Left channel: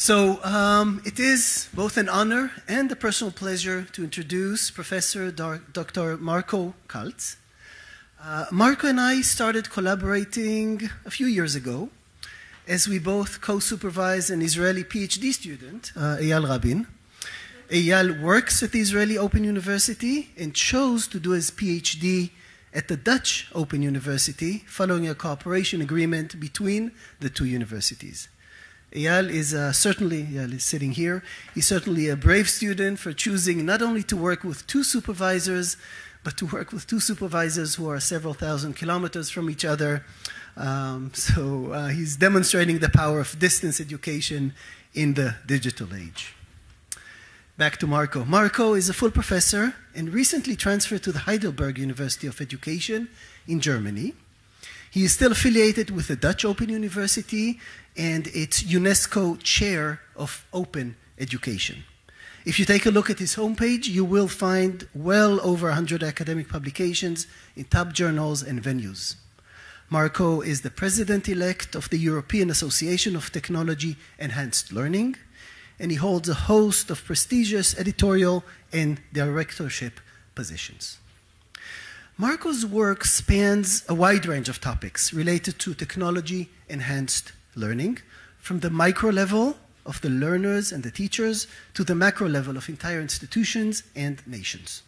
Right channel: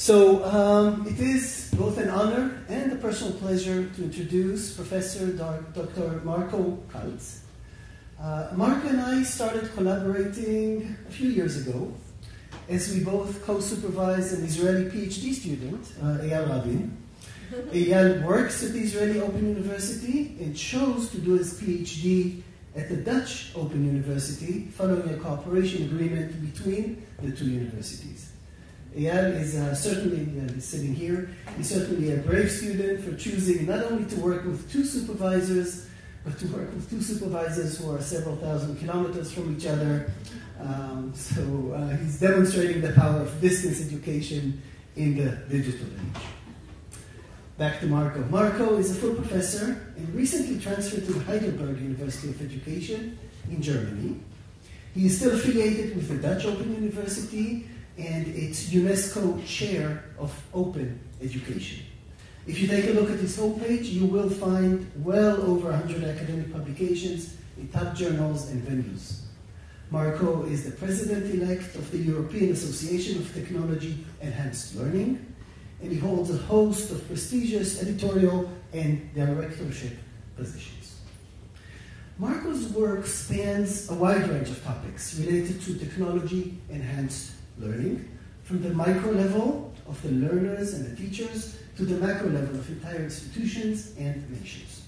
So it is both an honor and a personal pleasure to introduce Professor Dr. Marco Kalz. Marco and I started collaborating a few years ago as we both co-supervise an Israeli PhD student, Eyal Rabin. Eyal works at the Israeli Open University and chose to do his PhD at the Dutch Open University following a cooperation agreement between the two universities. Eyal is Eyal is sitting here. He's certainly a brave student for choosing not only to work with two supervisors, but to work with two supervisors who are several thousand kilometers from each other. He's demonstrating the power of distance education in the digital age. Back to Marco. Marco is a full professor and recently transferred to the Heidelberg University of Education in Germany. He is still affiliated with the Dutch Open University and its UNESCO Chair of Open Education. If you take a look at his homepage, you will find well over 100 academic publications in top journals and venues. Marco is the president-elect of the European Association of Technology Enhanced Learning, and he holds a host of prestigious editorial and directorship positions. Marco's work spans a wide range of topics related to technology-enhanced learning, from the micro level of the learners and the teachers to the macro level of entire institutions and nations.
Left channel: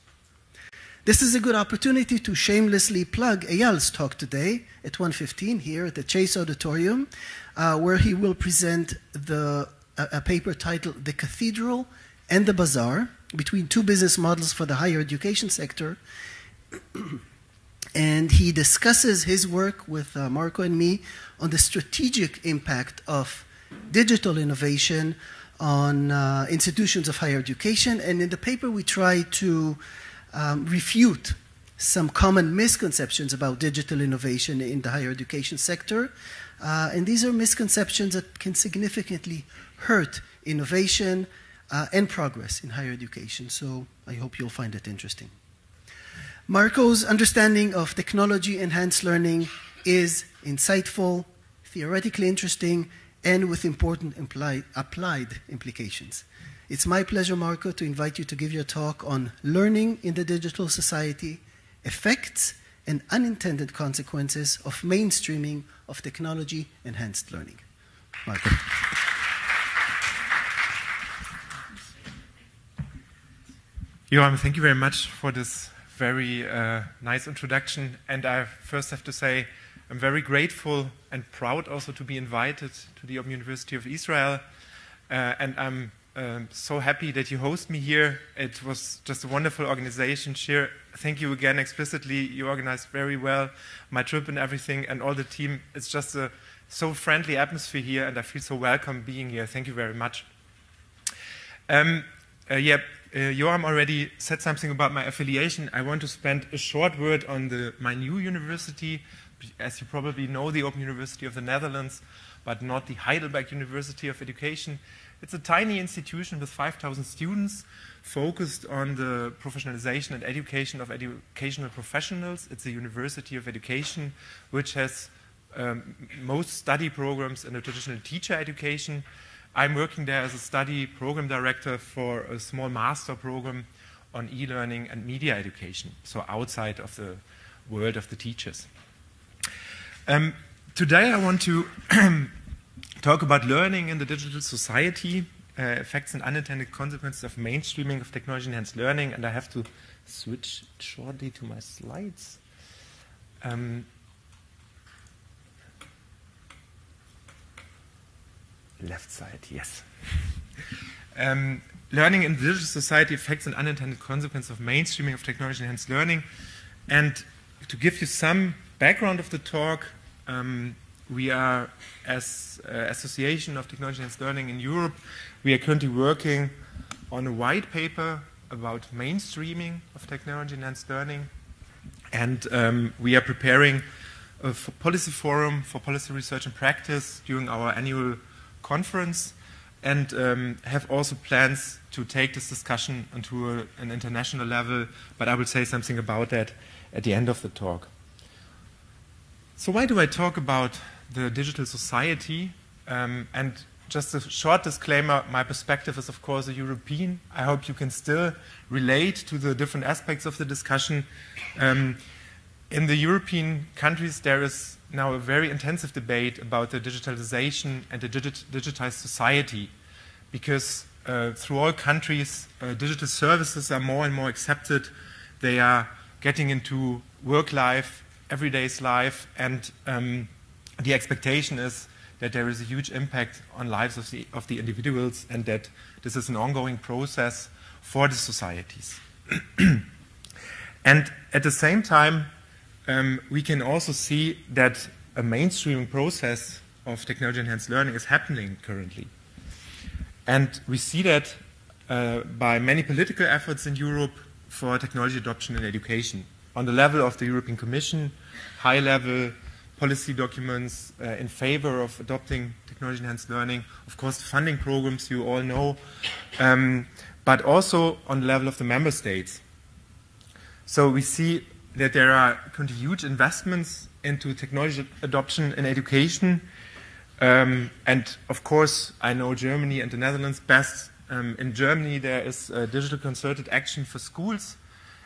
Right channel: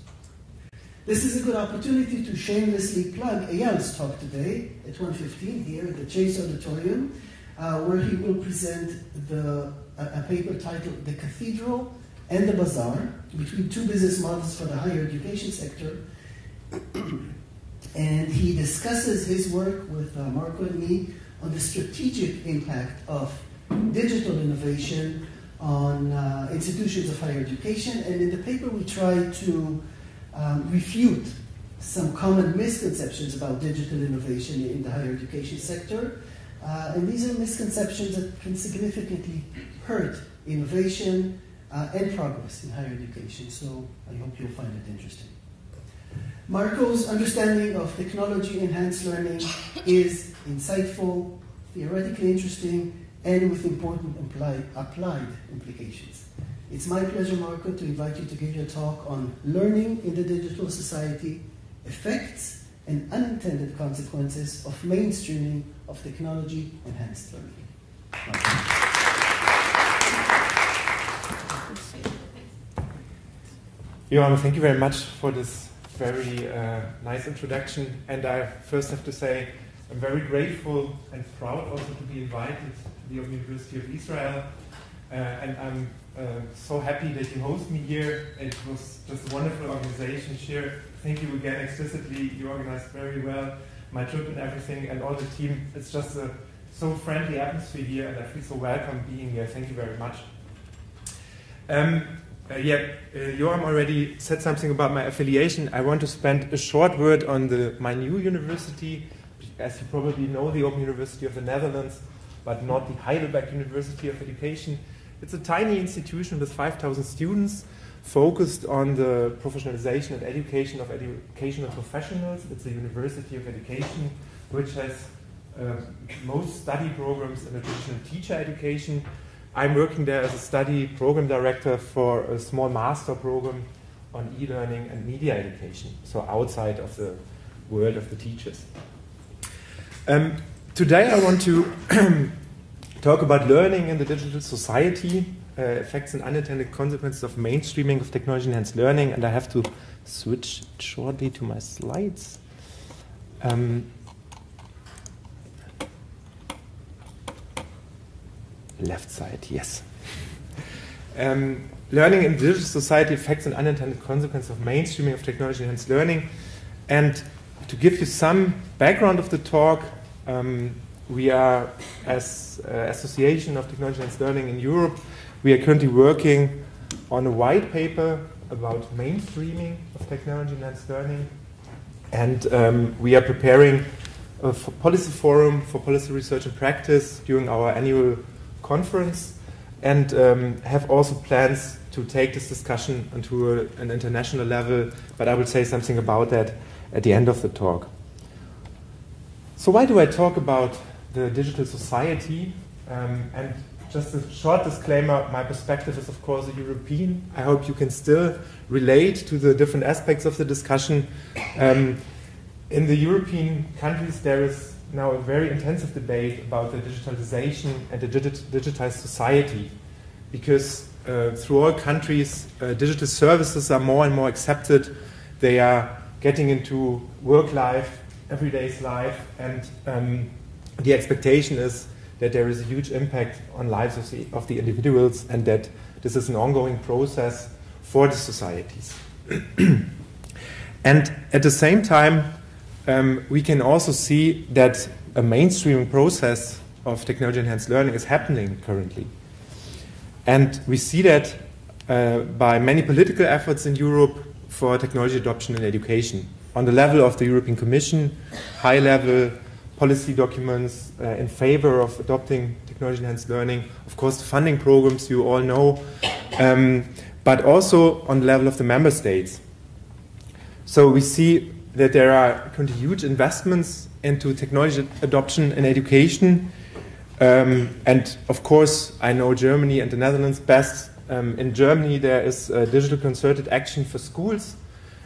This is a good opportunity to shamelessly plug Eyal's talk today at 1:15 here at the Chase Auditorium, where he will present a paper titled The Cathedral and the Bazaar, between two business models for the higher education sector. And he discusses his work with Marco and me on the strategic impact of digital innovation on institutions of higher education. And in the paper, we try to refute some common misconceptions about digital innovation in the higher education sector. And these are misconceptions that can significantly hurt innovation and progress in higher education. So I hope you'll find it interesting. Marco's understanding of technology-enhanced learning is insightful, theoretically interesting, and with important applied implications. It's my pleasure, Marco, to invite you to give your talk on learning in the digital society, effects and unintended consequences of mainstreaming of technology-enhanced learning. Marco. Johan, thank you very much for this very nice introduction. And I first have to say I'm very grateful and proud also to be invited to the Open University of Israel. And I'm so happy that you host me here. It was just a wonderful organization. Shir, thank you again explicitly. You organized very well my trip and everything, and all the team. It's just a so friendly atmosphere here, and I feel so welcome being here. Thank you very much. Joachim already said something about my affiliation. I want to spend a short word on my new university. As you probably know, the Open University of the Netherlands, but not the Heidelberg University of Education. It's a tiny institution with 5,000 students focused on the professionalization and education of educational professionals. It's a university of education which has most study programs in the traditional teacher education. I'm working there as a study program director for a small master program on e-learning and media education, so outside of the world of the teachers. Today I want to talk about learning in the digital society, effects and unintended consequences of mainstreaming of technology-enhanced learning, and I have to switch shortly to my slides. Left side, yes. Learning in the digital society, effects and unintended consequences of mainstreaming of technology-enhanced learning. And to give you some background of the talk, we are, as Association of Technology-Enhanced Learning in Europe, we are currently working on a white paper about mainstreaming of technology-enhanced learning. And we are preparing a policy forum for policy research and practice during our annual conference, and have also plans to take this discussion onto an international level, but I will say something about that at the end of the talk. So why do I talk about the digital society, and just a short disclaimer, my perspective is of course a European. I hope you can still relate to the different aspects of the discussion. In the European countries there is now a very intensive debate about the digitalization and the digitized society, because through all countries digital services are more and more accepted. They are getting into work life, everyday's life, and the expectation is that there is a huge impact on lives of the individuals, and that this is an ongoing process for the societies. And at the same time, we can also see that a mainstreaming process of technology-enhanced learning is happening currently. And we see that by many political efforts in Europe for technology adoption in education. On the level of the European Commission, high-level policy documents in favor of adopting technology-enhanced learning, of course the funding programs you all know, but also on the level of the member states. So we see that there are currently huge investments into technology adoption in education, and of course I know Germany and the Netherlands best. In Germany there is a digital concerted action for schools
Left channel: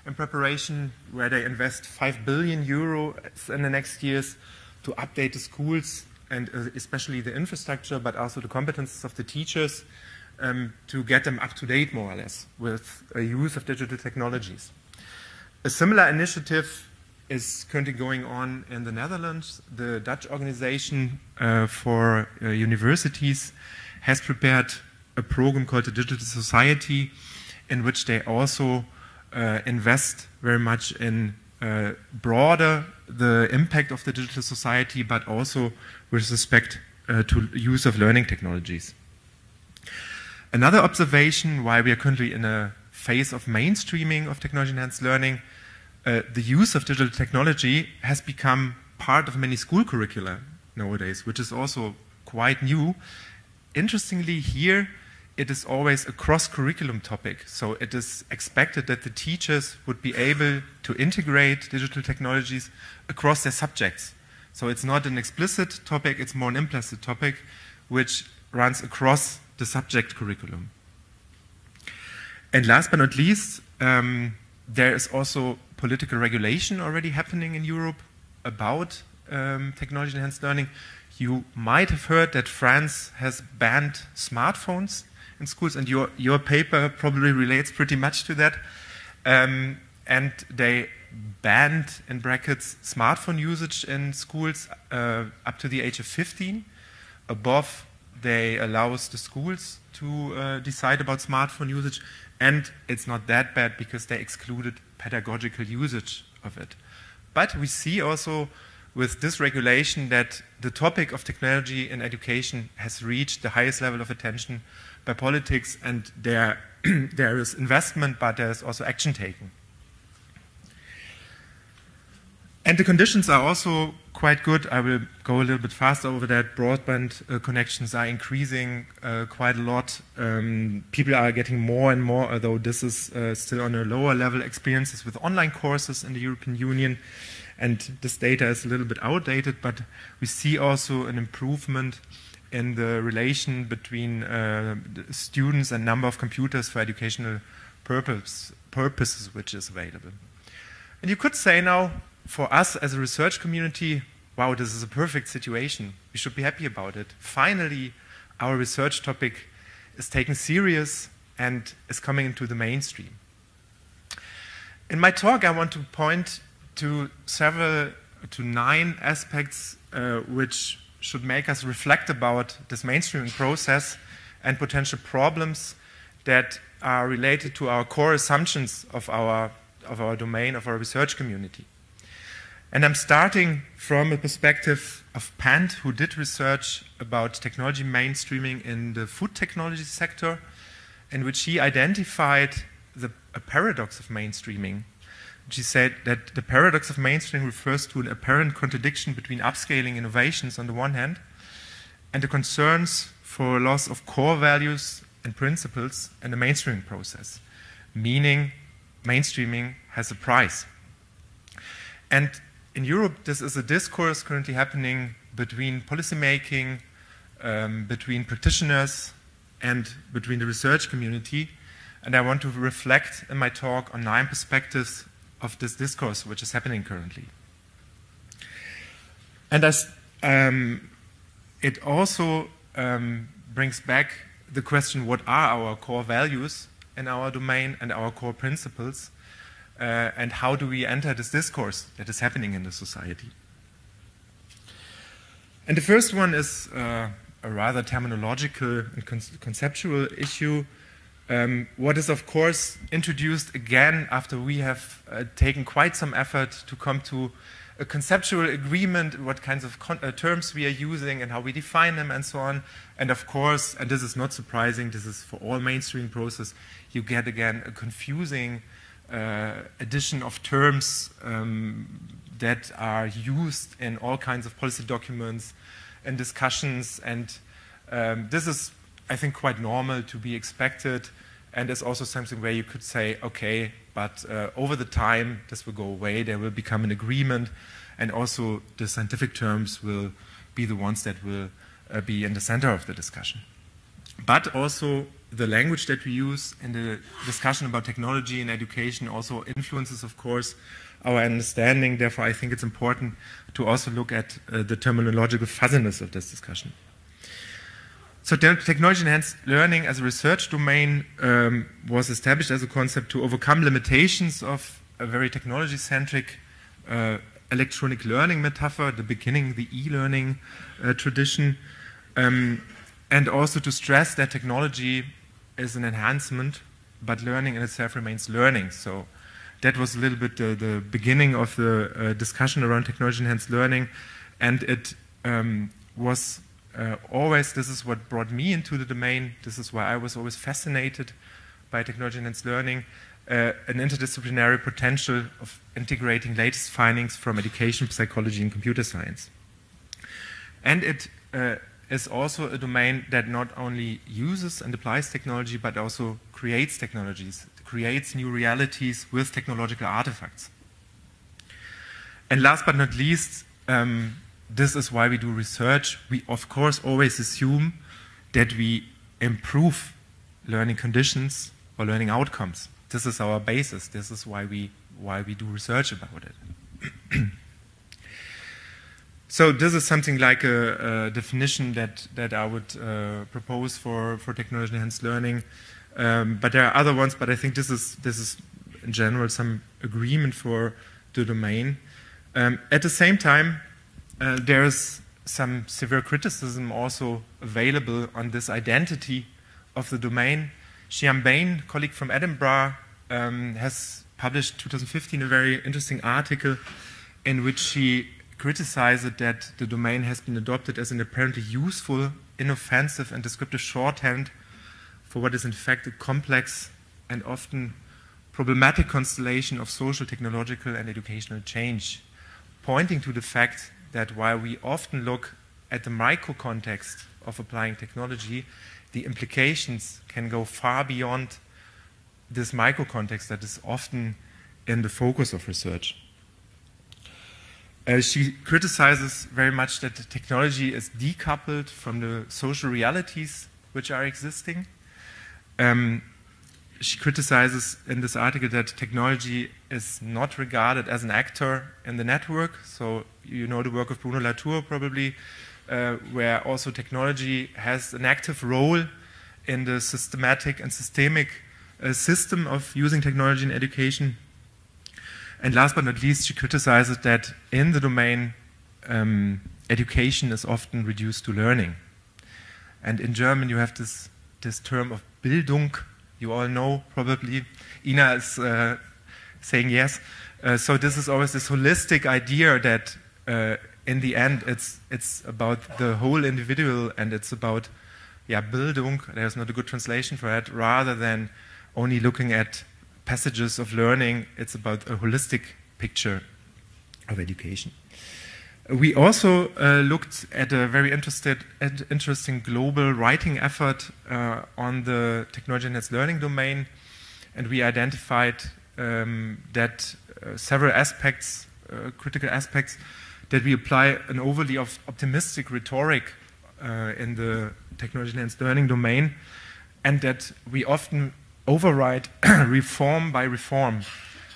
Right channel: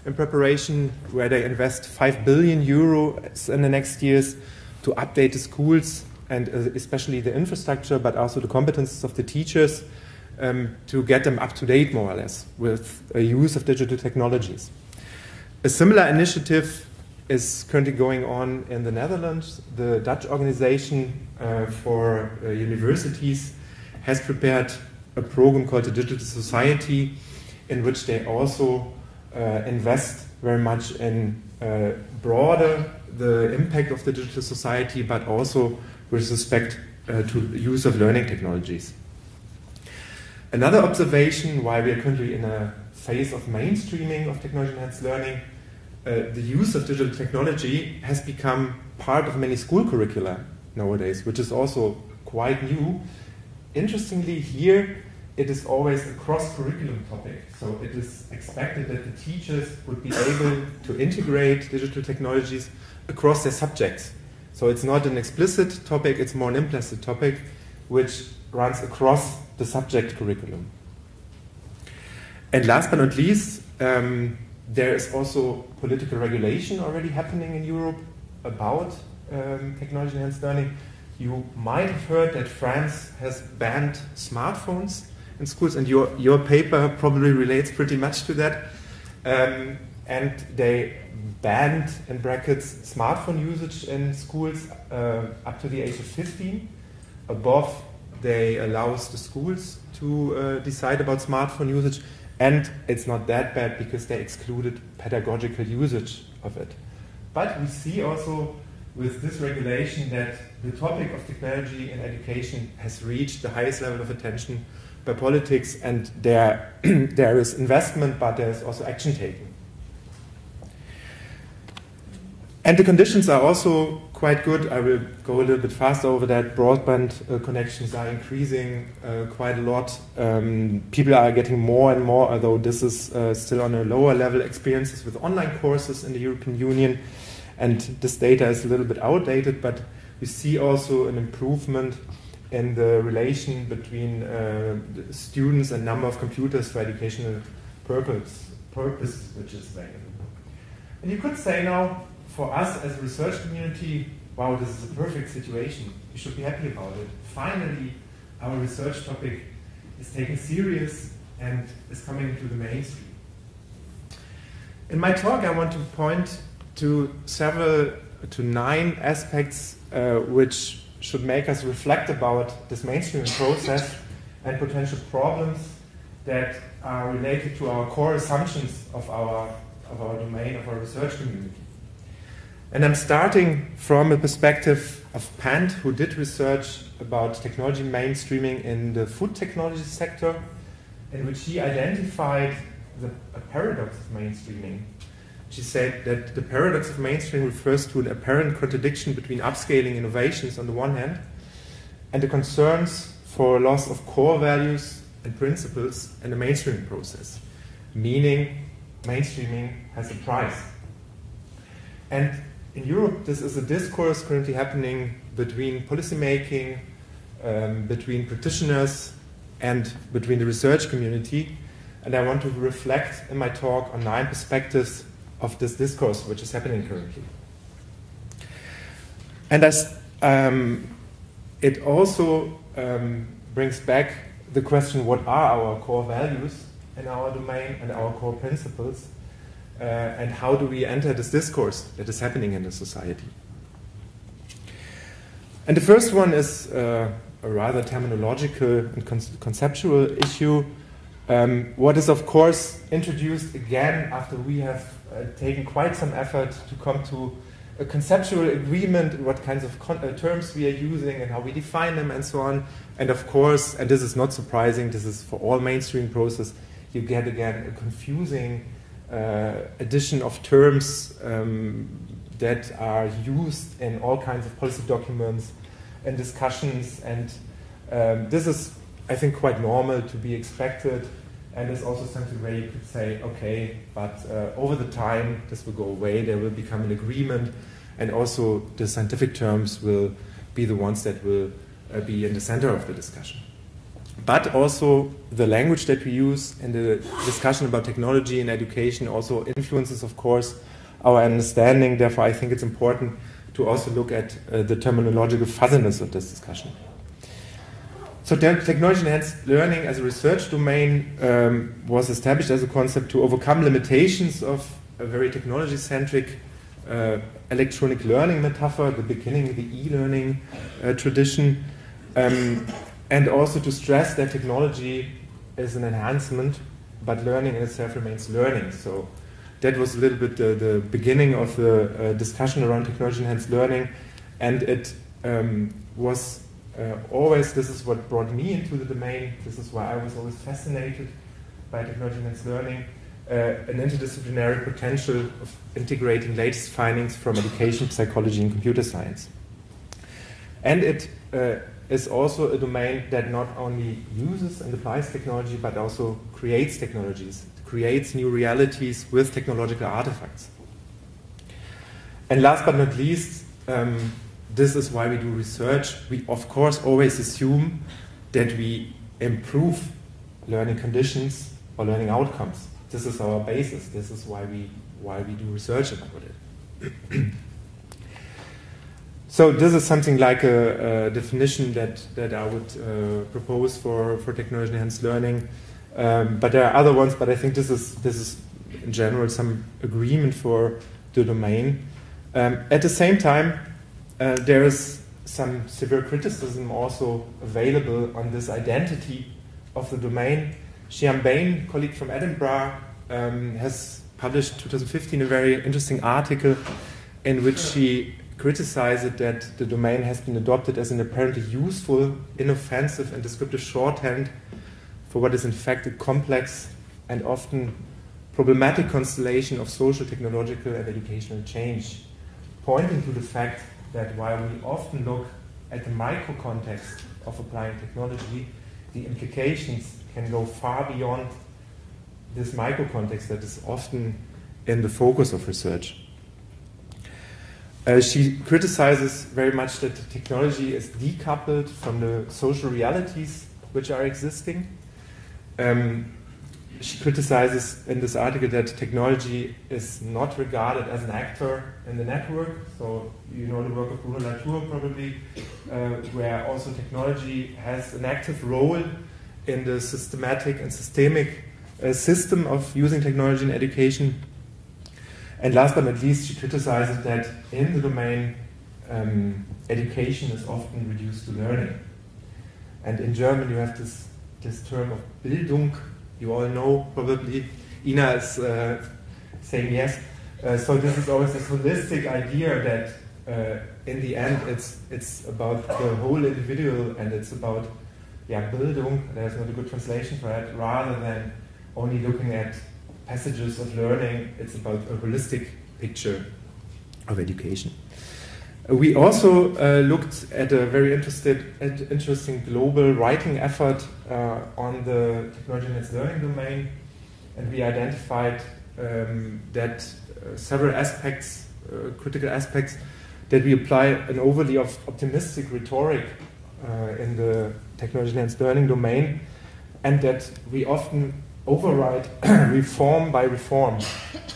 in preparation, where they invest 5 billion euros in the next years to update the schools, and especially the infrastructure, but also the competences of the teachers, to get them up to date more or less with a use of digital technologies. A similar initiative is currently going on in the Netherlands. The Dutch organization for universities has prepared a program called the Digital Society, in which they also invest very much in broader the impact of the digital society, but also with respect to use of learning technologies. Another observation why we are currently in a phase of mainstreaming of technology-enhanced learning, the use of digital technology has become part of many school curricula nowadays, which is also quite new. Interestingly, here it is always a cross-curriculum topic, so it is expected that the teachers would be able to integrate digital technologies across their subjects. So it's not an explicit topic, it's more an implicit topic, which runs across the subject curriculum. And last but not least, there is also political regulation already happening in Europe about technology-enhanced learning. You might have heard that France has banned smartphones in schools, and your paper probably relates pretty much to that. And they banned, in brackets, smartphone usage in schools up to the age of 15. Above, they allows the schools to decide about smartphone usage, and it's not that bad because they excluded pedagogical usage of it. But we see also with this regulation that the topic of technology in education has reached the highest level of attention by politics, and there is investment, but there is also action taken. And the conditions are also quite good. I will go a little bit faster over that. Broadband connections are increasing quite a lot. People are getting more and more, although this is still on a lower level, experiences with online courses in the European Union. And this data is a little bit outdated, but we see also an improvement in the relation between students and number of computers for educational purposes which is available. And you could say now, for us as a research community, wow, this is a perfect situation. We should be happy about it. Finally, our research topic is taken serious and is coming into the mainstream. In my talk, I want to point to 9 aspects which should make us reflect about this mainstreaming process and potential problems that are related to our core assumptions of our domain, of our research community. And I'm starting from a perspective of Pant, who did research about technology mainstreaming in the food technology sector, in which he identified a paradox of mainstreaming. She said that the paradox of mainstreaming refers to an apparent contradiction between upscaling innovations on the one hand and the concerns for loss of core values and principles in the mainstreaming process, meaning mainstreaming has a price. And in Europe, this is a discourse currently happening between policymaking, between practitioners and between the research community. And I want to reflect in my talk on 9 perspectives of this discourse which is happening currently. And it also brings back the question, what are our core values in our domain and our core principles, and how do we enter this discourse that is happening in the society? And the first one is a rather terminological and conceptual issue. What is, of course, introduced again after we have taken quite some effort to come to a conceptual agreement, what kinds of terms we are using and how we define them and so on. And of course, and this is not surprising, this is for all mainstream process, you get again a confusing addition of terms that are used in all kinds of policy documents and discussions. And this is, I think, quite normal to be expected. And is also something where you could say, okay, but over the time, this will go away, there will become an agreement, and also the scientific terms will be the ones that will be in the center of the discussion. But also the language that we use in the discussion about technology and education also influences, of course, our understanding. Therefore, I think it's important to also look at the terminological fuzziness of this discussion. So technology-enhanced learning as a research domain was established as a concept to overcome limitations of a very technology-centric electronic learning metaphor, the beginning, the e-learning tradition, and also to stress that technology is an enhancement, but learning in itself remains learning. So that was a little bit the beginning of the discussion around technology-enhanced learning, and it was always, this is what brought me into the domain, this is why I was always fascinated by technology-enhanced learning, an interdisciplinary potential of integrating latest findings from education, psychology, and computer science. And it is also a domain that not only uses and applies technology, but also creates technologies, creates new realities with technological artifacts. And last but not least, this is why we do research. We, of course, always assume that we improve learning conditions or learning outcomes. This is our basis. This is why we do research about it. So this is something like a definition that I would propose for technology-enhanced learning. But there are other ones, but I think this is in general some agreement for the domain. At the same time, there is some severe criticism also available on this identity of the domain. Xian Bain, a colleague from Edinburgh, has published in 2015 a very interesting article in which she criticized that the domain has been adopted as an apparently useful, inoffensive, and descriptive shorthand for what is in fact a complex and often problematic constellation of social, technological, and educational change, pointing to the fact that while we often look at the micro context of applying technology, the implications can go far beyond this micro context that is often in the focus of research. She criticizes very much that technology is decoupled from the social realities which are existing. She criticizes in this article that technology is not regarded as an actor in the network. So you know the work of Bruno Latour probably, where also technology has an active role in the systematic and systemic system of using technology in education. And last but not least, she criticizes that in the domain, education is often reduced to learning. And in German you have this term of Bildung. You all know probably. Ina is saying yes. So this is always this holistic idea that in the end it's about the whole individual, and it's about Bildung. There's not a good translation for that. Rather than only looking at passages of learning, it's about a holistic picture of education. We also looked at a very interesting global writing effort on the technology-enhanced learning domain, and we identified that several aspects, critical aspects, that we apply an overly optimistic rhetoric in the technology-enhanced learning domain, and that we often override reform by reform.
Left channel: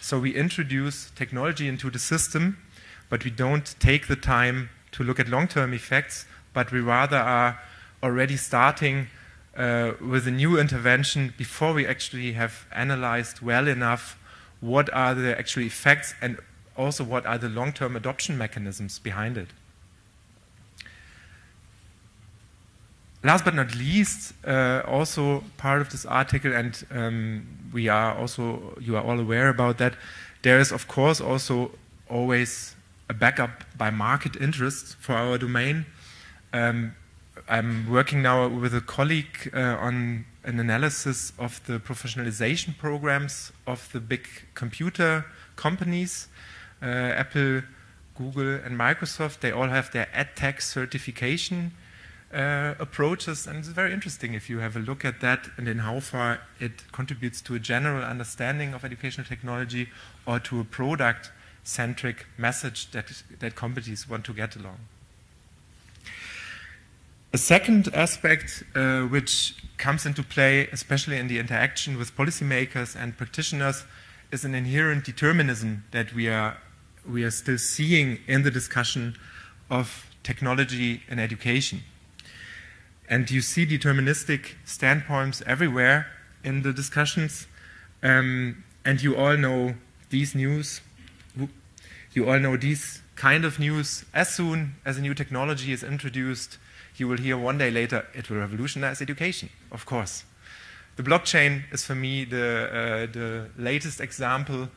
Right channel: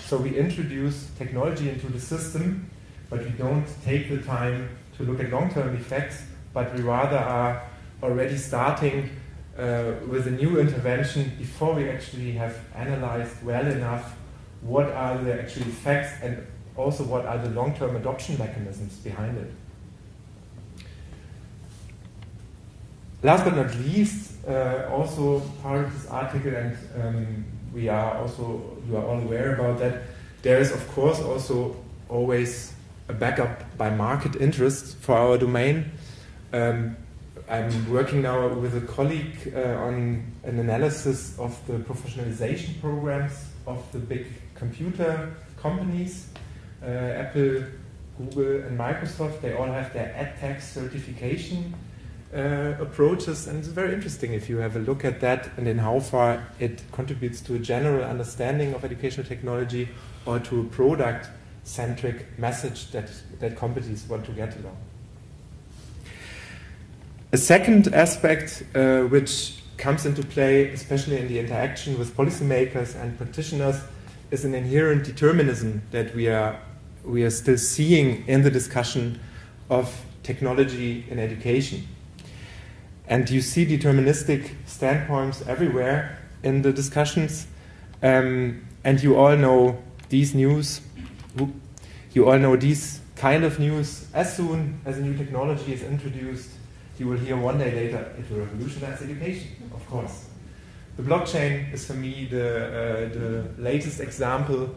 So we introduce technology into the system, but we don't take the time to look at long-term effects, but we rather are already starting with a new intervention before we actually have analyzed well enough what are the actual effects and also what are the long-term adoption mechanisms behind it. Last but not least, also part of this article, and you are all aware about that, there is of course also always a backup by market interest for our domain. I'm working now with a colleague on an analysis of the professionalization programs of the big computer companies. Apple, Google, and Microsoft, they all have their EdTech certification approaches, and it's very interesting if you have a look at that and in how far it contributes to a general understanding of educational technology or to a product-centric message that companies want to get along. A second aspect which comes into play, especially in the interaction with policymakers and practitioners, is an inherent determinism that we are still seeing in the discussion of technology in education. And you see deterministic standpoints everywhere in the discussions, and you all know these news. You all know these kind of news. As soon as a new technology is introduced, you will hear one day later, it will revolutionize education, of course. The blockchain is for me the latest example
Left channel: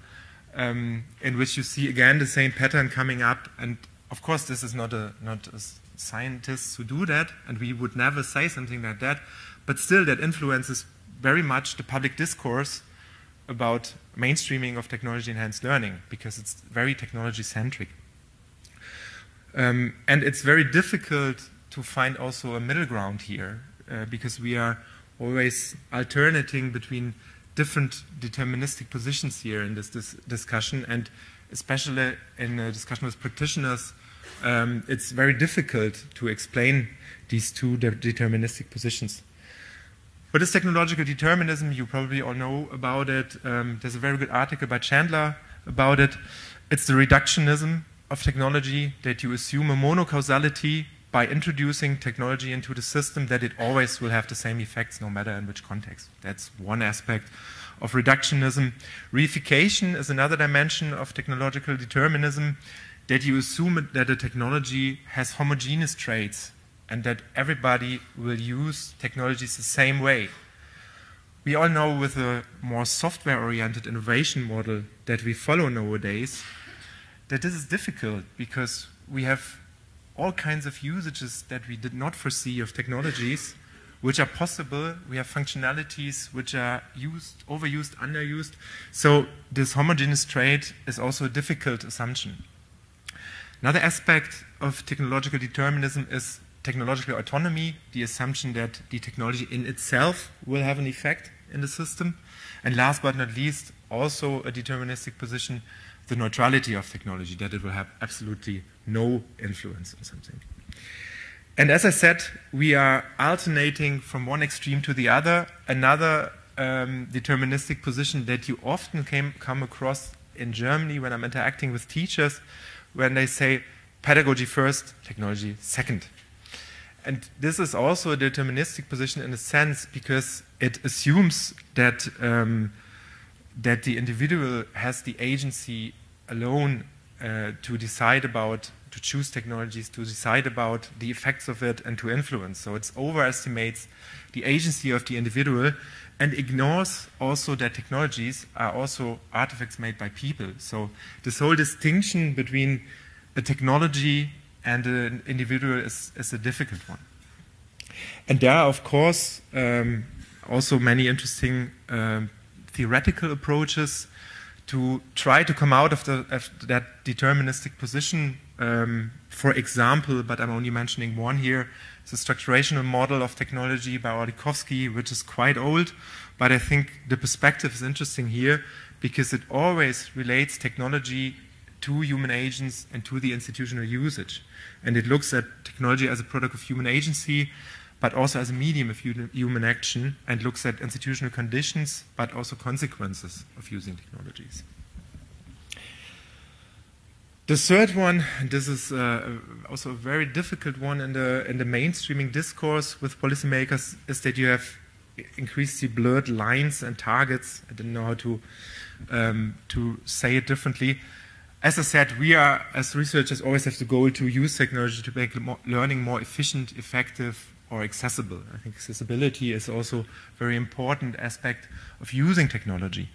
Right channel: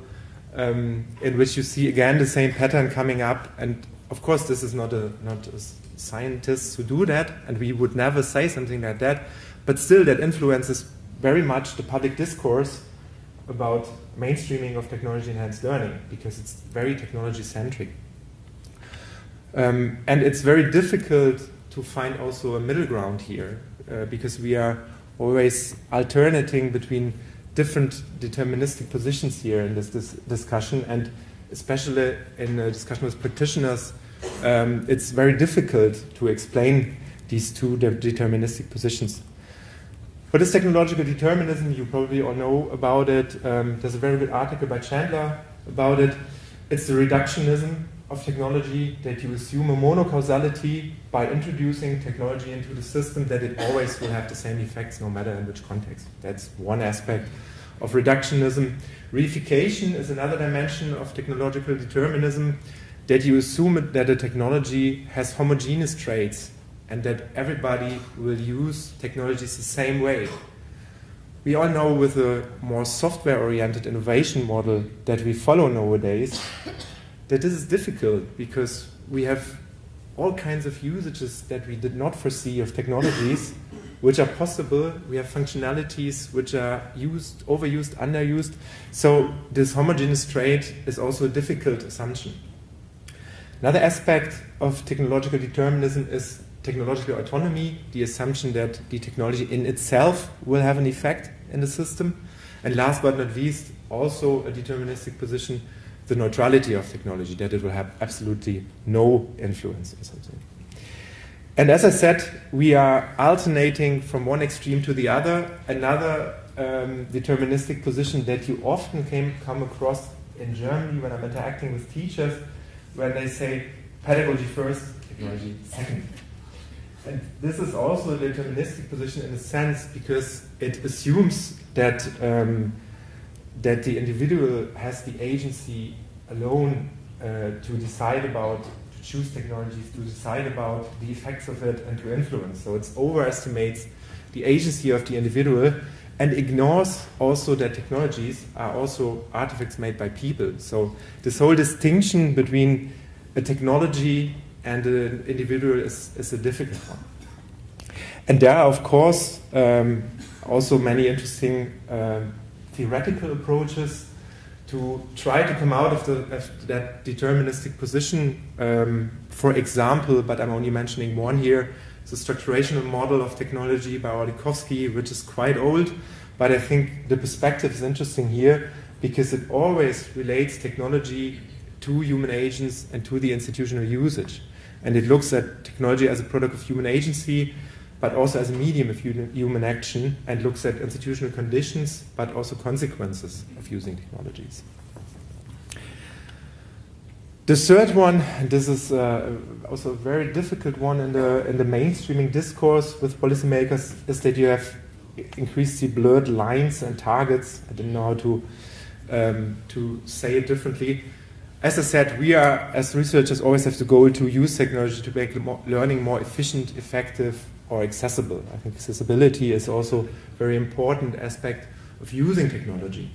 in which you see again the same pattern coming up. And of course, this is not a scientists who do that, and we would never say something like that, but still that influences very much the public discourse about mainstreaming of technology-enhanced learning, because it's very technology-centric. And it's very difficult to find also a middle ground here, because we are always alternating between different deterministic positions here in this discussion, and especially in a discussion with practitioners, it's very difficult to explain these two deterministic positions. What is technological determinism? You probably all know about it. There's a very good article by Chandler about it. It's the reductionism of technology, that you assume a monocausality by introducing technology into the system, that it always will have the same effects no matter in which context. That's one aspect of reductionism. Reification is another dimension of technological determinism, that you assume that a technology has homogeneous traits and that everybody will use technologies the same way. We all know with a more software-oriented innovation model that we follow nowadays that this is difficult, because we have all kinds of usages that we did not foresee of technologies which are possible. We have functionalities which are used, overused, underused. So this homogeneous trait is also a difficult assumption. Another aspect of technological determinism is technological autonomy, the assumption that the technology in itself will have an effect in the system. And last but not least, also a deterministic position, the neutrality of technology, that it will have absolutely no influence on something. And as I said, we are alternating from one extreme to the other. Another deterministic position that you often come across in Germany when I'm interacting with teachers, when they say pedagogy first, technology second. And this is also a deterministic position in a sense, because it assumes that that the individual has the agency alone to decide about, to choose technologies, to decide about the effects of it and to influence. So it overestimates the agency of the individual and ignores also that technologies are also artifacts made by people. So this whole distinction between a technology and an individual is a difficult one. And there are, of course, also many interesting theoretical approaches to try to come out of that deterministic position. For example, but I'm only mentioning one here, the structurational model of technology by Orlikovsky, which is quite old, but I think the perspective is interesting here because it always relates technology to human agents and to the institutional usage. And it looks at technology as a product of human agency, but also as a medium of human action, and looks at institutional conditions, but also consequences of using technologies. The third one, and this is also a very difficult one in the mainstreaming discourse with policymakers, is that you have increasingly blurred lines and targets. I don't know how to say it differently. As I said, we are, as researchers, always have the goal to use technology to make learning more efficient, effective, or accessible. I think accessibility is also a very important aspect of using technology.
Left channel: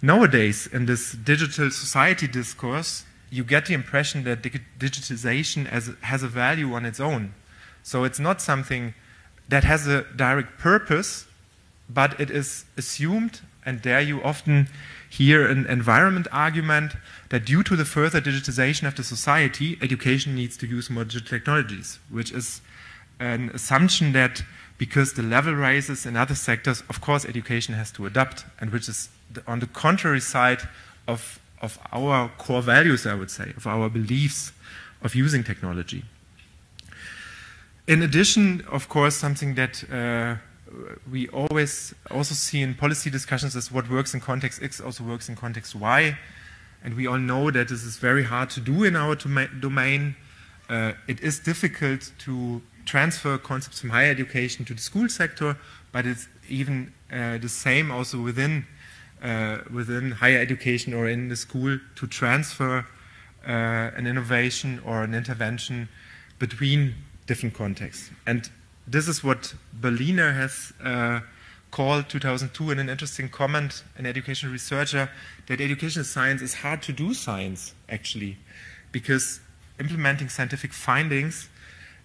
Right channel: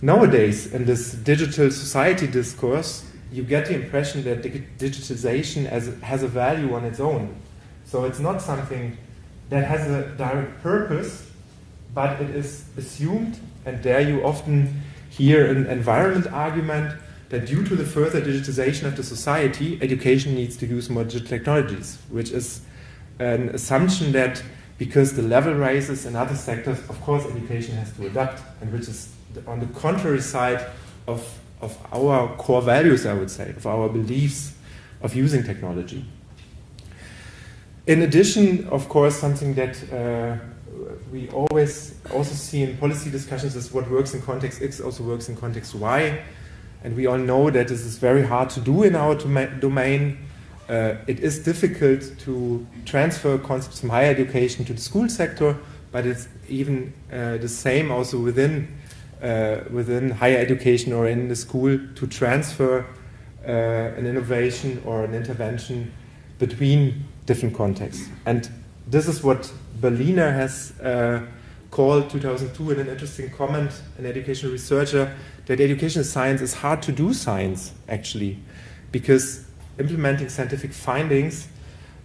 Nowadays, in this digital society discourse, you get the impression that digitalization has a value on its own. So it's not something that has a direct purpose, but it is assumed, and there you often hear an environment argument, that due to the further digitization of the society, education needs to use more digital technologies, which is an assumption that because the level raises in other sectors, of course education has to adapt, and which is on the contrary side of our core values, I would say, of our beliefs of using technology. In addition, of course, something that we always also see in policy discussions is what works in context X also works in context Y. And we all know that this is very hard to do in our domain. It is difficult to transfer concepts from higher education to the school sector, but it's even the same also within higher education or in the school to transfer an innovation or an intervention between different contexts. And this is what Berliner has called 2002 in an interesting comment, an educational researcher, that educational science is hard to do science, actually, because implementing scientific findings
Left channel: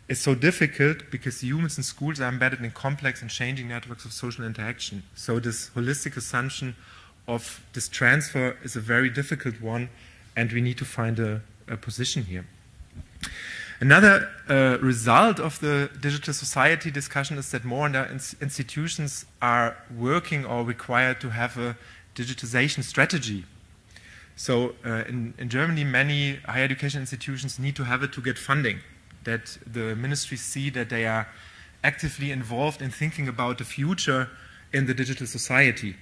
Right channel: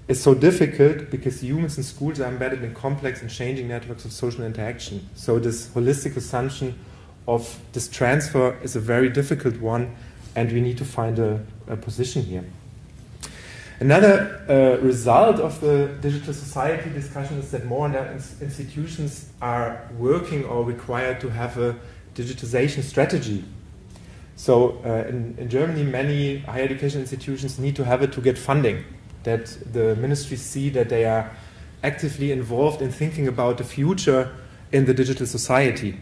is so difficult because humans in schools are embedded in complex and changing networks of social interaction. So this holistic assumption of this transfer is a very difficult one, and we need to find a position here. Another result of the digital society discussion is that more and more institutions are working or required to have a digitization strategy. So in Germany, many higher education institutions need to have it to get funding, that the ministries see that they are actively involved in thinking about the future in the digital society.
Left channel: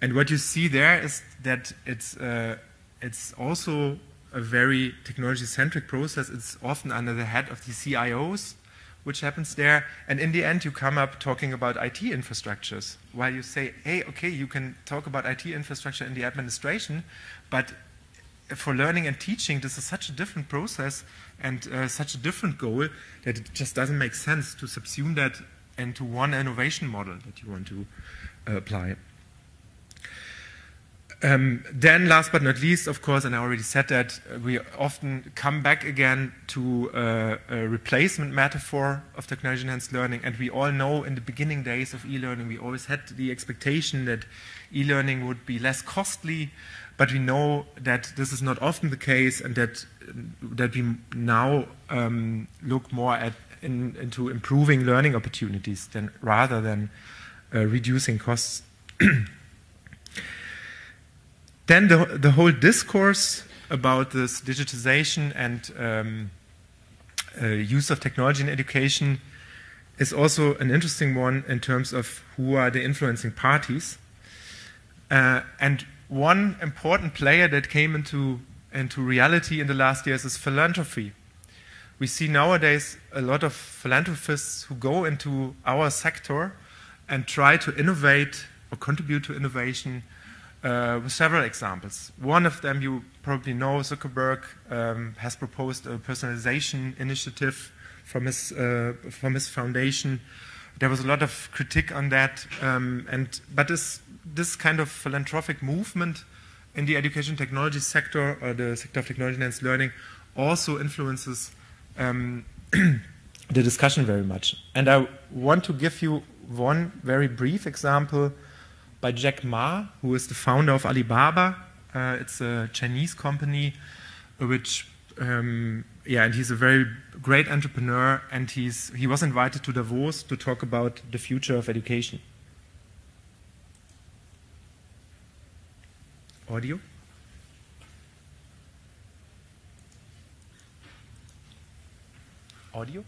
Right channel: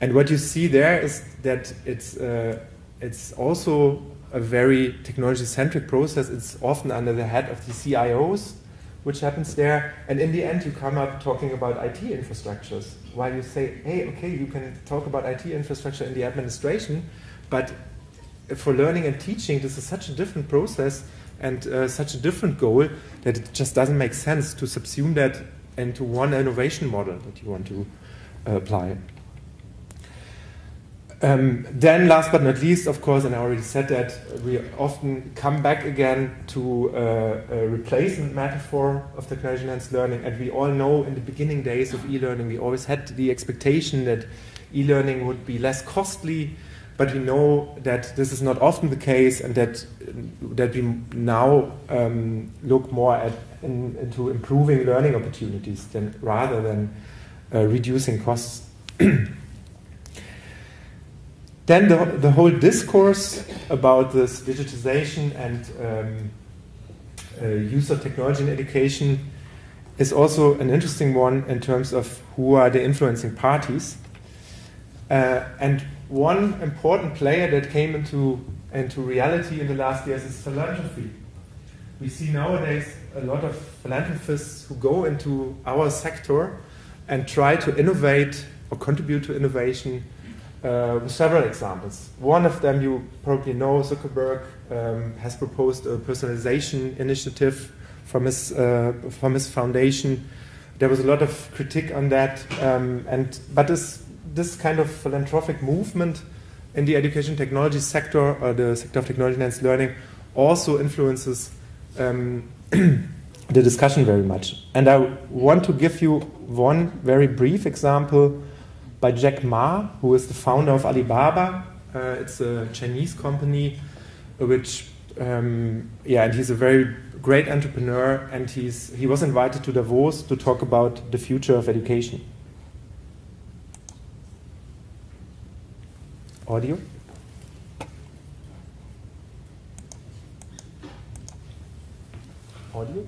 And what you see there is that it's also a very technology-centric process. It's often under the head of the CIOs, which happens there. And in the end, you come up talking about IT infrastructures, while you say, hey, okay, you can talk about IT infrastructure in the administration, but for learning and teaching, this is such a different process and such a different goal that it just doesn't make sense to subsume that into one innovation model that you want to apply. Then, last but not least, of course, and I already said that, we often come back again to a replacement metaphor of technology-enhanced learning. And we all know in the beginning days of e-learning, we always had the expectation that e-learning would be less costly, but we know that this is not often the case, and that we now look more into improving learning opportunities rather than reducing costs. Then the whole discourse about this digitization and use of technology in education is also an interesting one in terms of who are the influencing parties. And one important player that came into reality in the last years is philanthropy. We see nowadays a lot of philanthropists who go into our sector and try to innovate or contribute to innovation with several examples. One of them you probably know, Zuckerberg has proposed a personalization initiative from his foundation. There was a lot of critique on that, but this kind of philanthropic movement in the education technology sector, or the sector of technology-enhanced learning, also influences the discussion very much. And I want to give you one very brief example by Jack Ma, who is the founder of Alibaba. It's a Chinese company, which, and he's a very great entrepreneur, and he was invited to Davos to talk about the future of education. Audio? audio?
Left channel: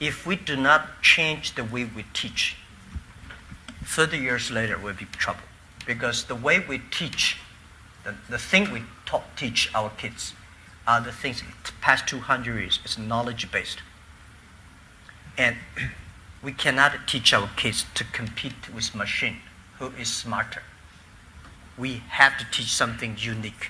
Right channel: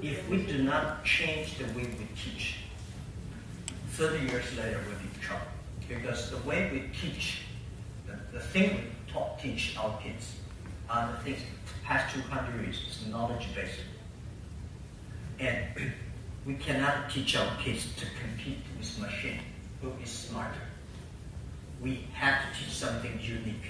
If we do not change the way we teach, 30 years later we'll be in trouble. Because the way we teach, the thing we teach our kids are the things the past 200 years is knowledge-based. And we cannot teach our kids to compete with machine who is smarter. We have to teach something unique.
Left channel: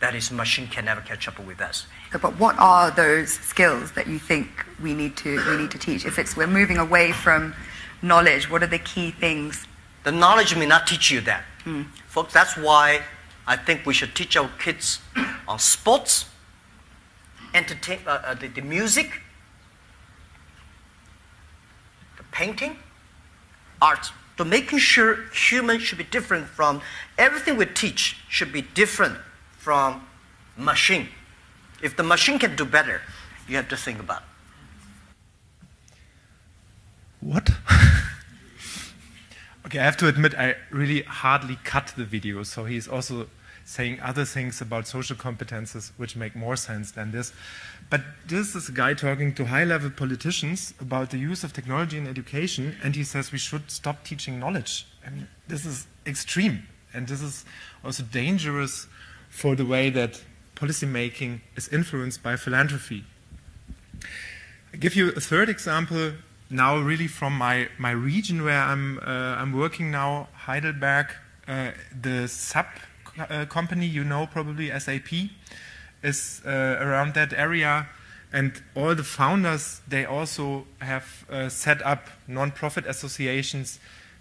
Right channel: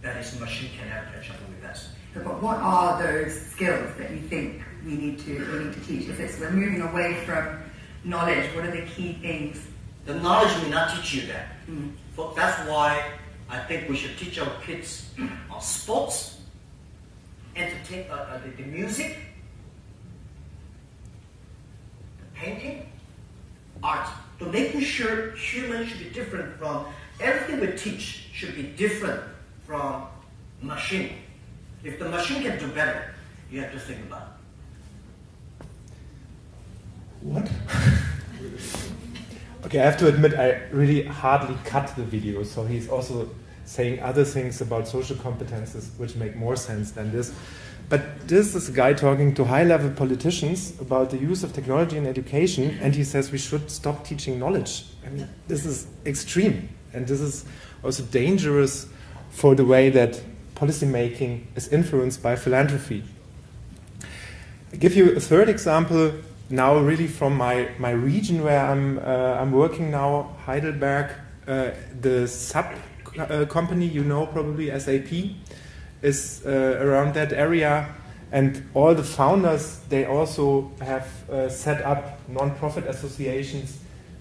That is, machine can never catch up with us. But what are those skills that you think we need to teach? If we're moving away from knowledge, what are the key things? The knowledge may not teach you that. Folks, that's why I think we should teach our kids on sports, the music, the painting, art. To making sure humans should be different from everything we teach should be different from machine. If the machine can do better, you have to think about it. What? Okay, I have to admit I really hardly cut the video, so he's also saying other things about social competences which make more sense than this. But this is a guy talking to high-level politicians about the use of technology in education, and he says we should stop teaching knowledge. I mean, this is extreme, and this is also dangerous for the way that policymaking is influenced by philanthropy. I'll give you a third example now, really from my region where I'm working now, Heidelberg. The sub company, you know probably, SAP, is around that area, and all the founders, they also have set up non-profit associations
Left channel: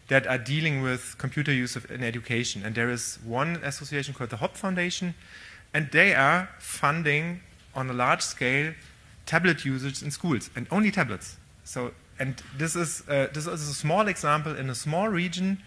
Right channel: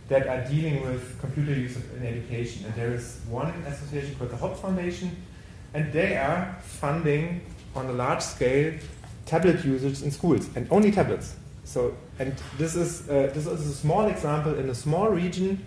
that are dealing with computer use in education. And there is one association called the Hop Foundation, and they are funding on a large scale tablet usage in schools, and only tablets. So, and this is a small example in a small region,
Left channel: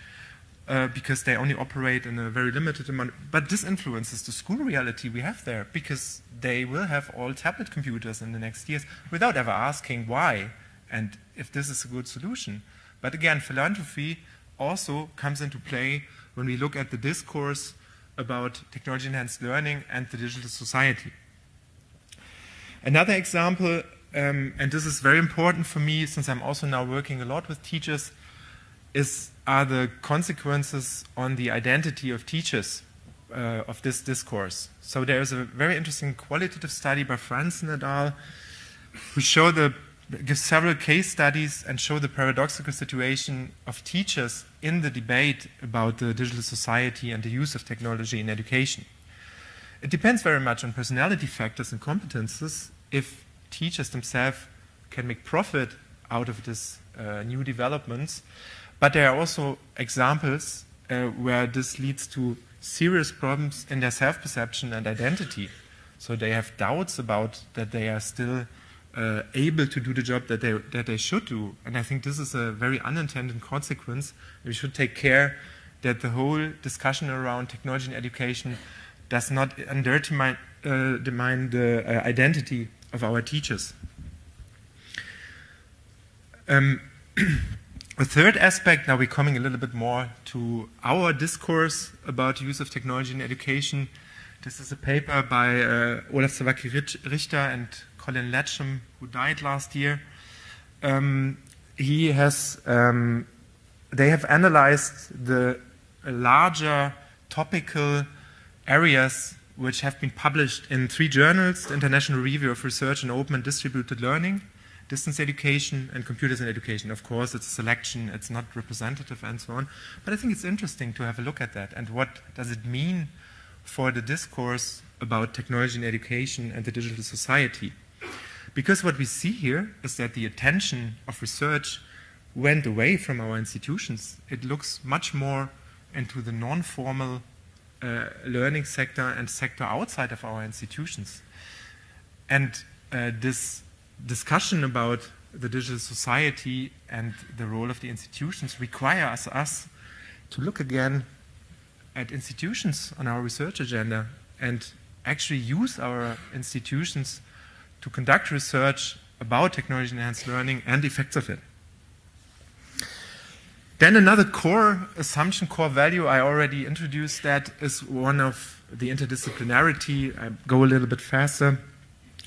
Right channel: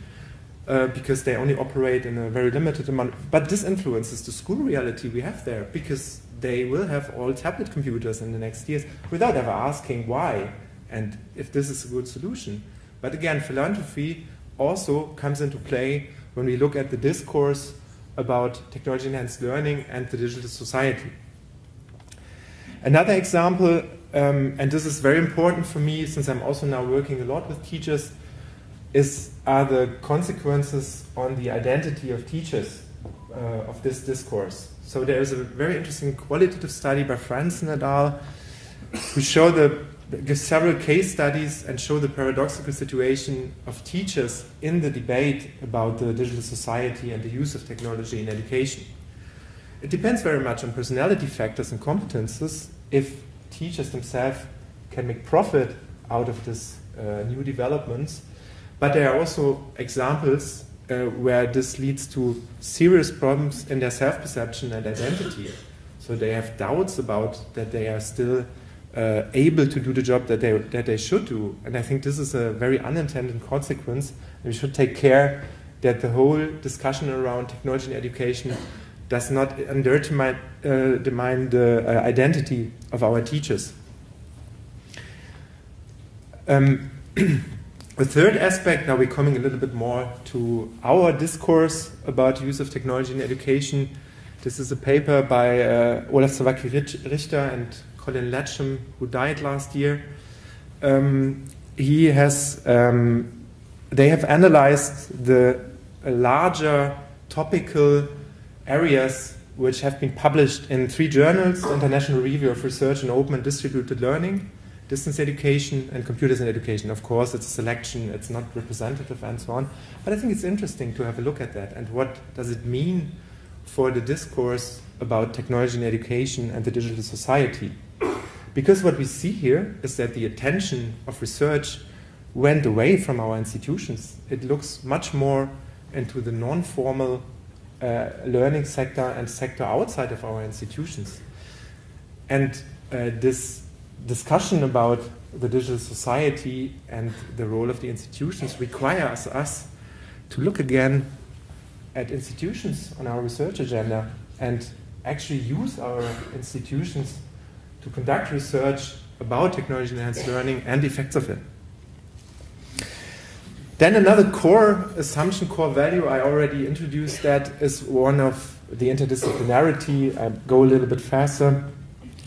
because they only operate in a very limited amount. But this influences the school reality we have there, because they will have all tablet computers in the next years without ever asking why and if this is a good solution. But again, philanthropy also comes into play when we look at the discourse about technology-enhanced learning and the digital society. Another example, and this is very important for me since I'm also now working a lot with teachers, are the consequences on the identity of teachers of this discourse. So there is a very interesting qualitative study by Franz and al. who give several case studies and show the paradoxical situation of teachers in the debate about the digital society and the use of technology in education. It depends very much on personality factors and competences if teachers themselves can make profit out of this new developments. But there are also examples where this leads to serious problems in their self-perception and identity. So they have doubts about that they are still able to do the job that they should do. And I think this is a very unintended consequence. We should take care that the whole discussion around technology in education does not undermine the identity of our teachers. A third aspect, now we're coming a little bit more to our discourse about the use of technology in education. This is a paper by Olaf Zawacki-Richter and Colin Latcham, who died last year. They have analyzed the larger topical areas which have been published in 3 journals: the International Review of Research in Open and Distributed Learning, Distance Education, and Computers in Education. Of course, it's a selection, it's not representative and so on. But I think it's interesting to have a look at that and what does it mean for the discourse about technology in education and the digital society. Because what we see here is that the attention of research went away from our institutions. It looks much more into the non-formal learning sector and sector outside of our institutions. And this discussion about the digital society and the role of the institutions requires us to look again at institutions on our research agenda and actually use our institutions to conduct research about technology-enhanced learning and the effects of it. Then another core assumption, core value, I already introduced that, is one of the interdisciplinarity. I go a little bit faster.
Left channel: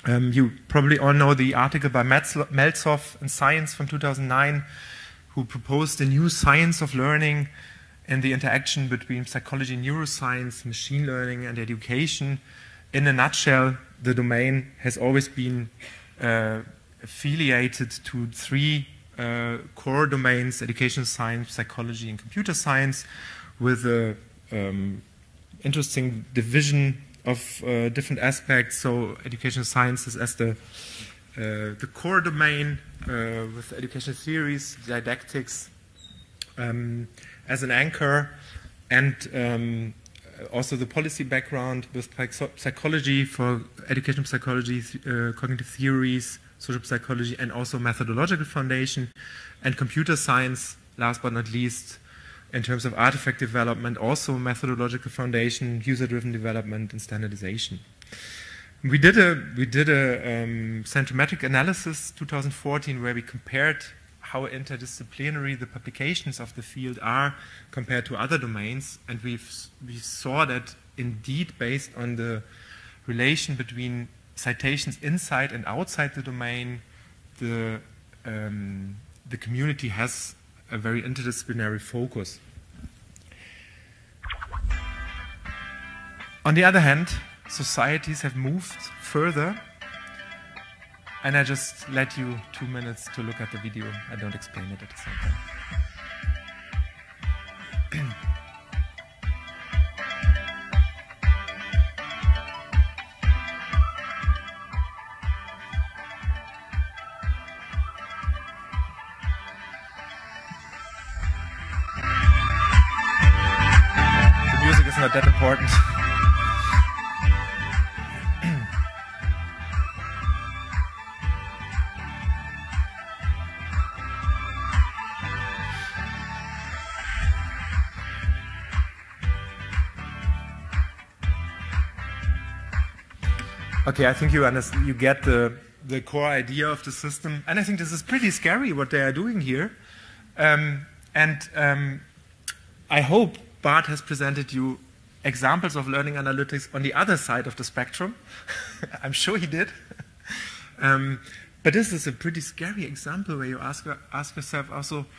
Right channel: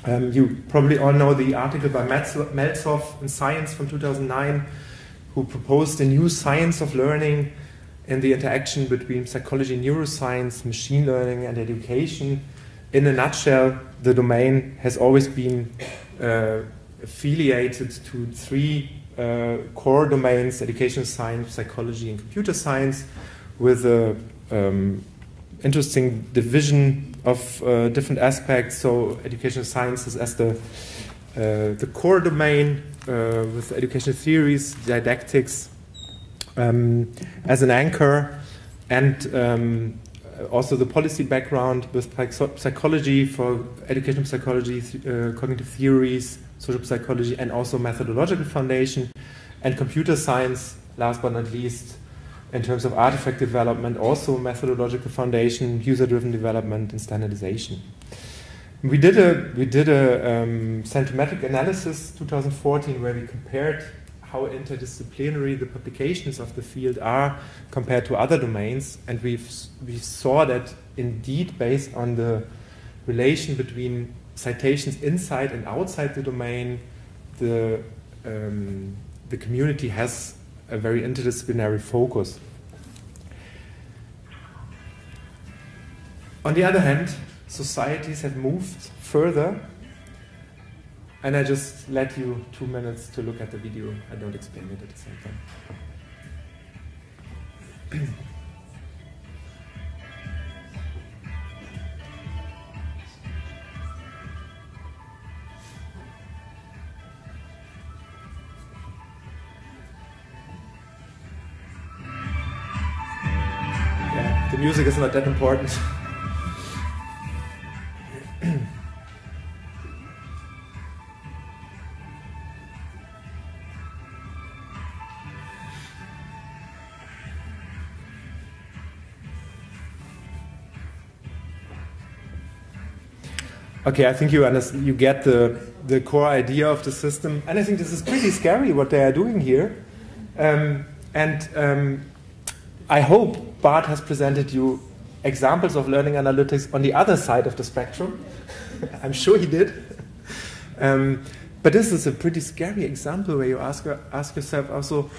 You probably all know the article by Meltzoff in Science from 2009, who proposed a new science of learning and the interaction between psychology, neuroscience, machine learning, and education. In a nutshell, the domain has always been affiliated to three core domains: educational science, psychology, and computer science, with a interesting division of different aspects. So educational sciences as the core domain, with educational theories, didactics as an anchor, and also the policy background with psychology for educational psychology, cognitive theories, social psychology, and also methodological foundation, and computer science, last but not least, in terms of artifact development, also methodological foundation, user-driven development, and standardization. We did a scientometric analysis 2014 where we compared how interdisciplinary the publications of the field are compared to other domains, and we saw that indeed, based on the relation between citations inside and outside the domain, the community has a very interdisciplinary focus. On the other hand, societies have moved further, and I just let you 2 minutes to look at the video. I don't explain it at the same time. The music is not that important. Okay, I think you get the core idea of the system, and I think this is pretty scary what they are doing here. I hope Bart has presented you examples of learning analytics on the other side of the spectrum. I'm sure he did. But this is a pretty scary example where you ask yourself also,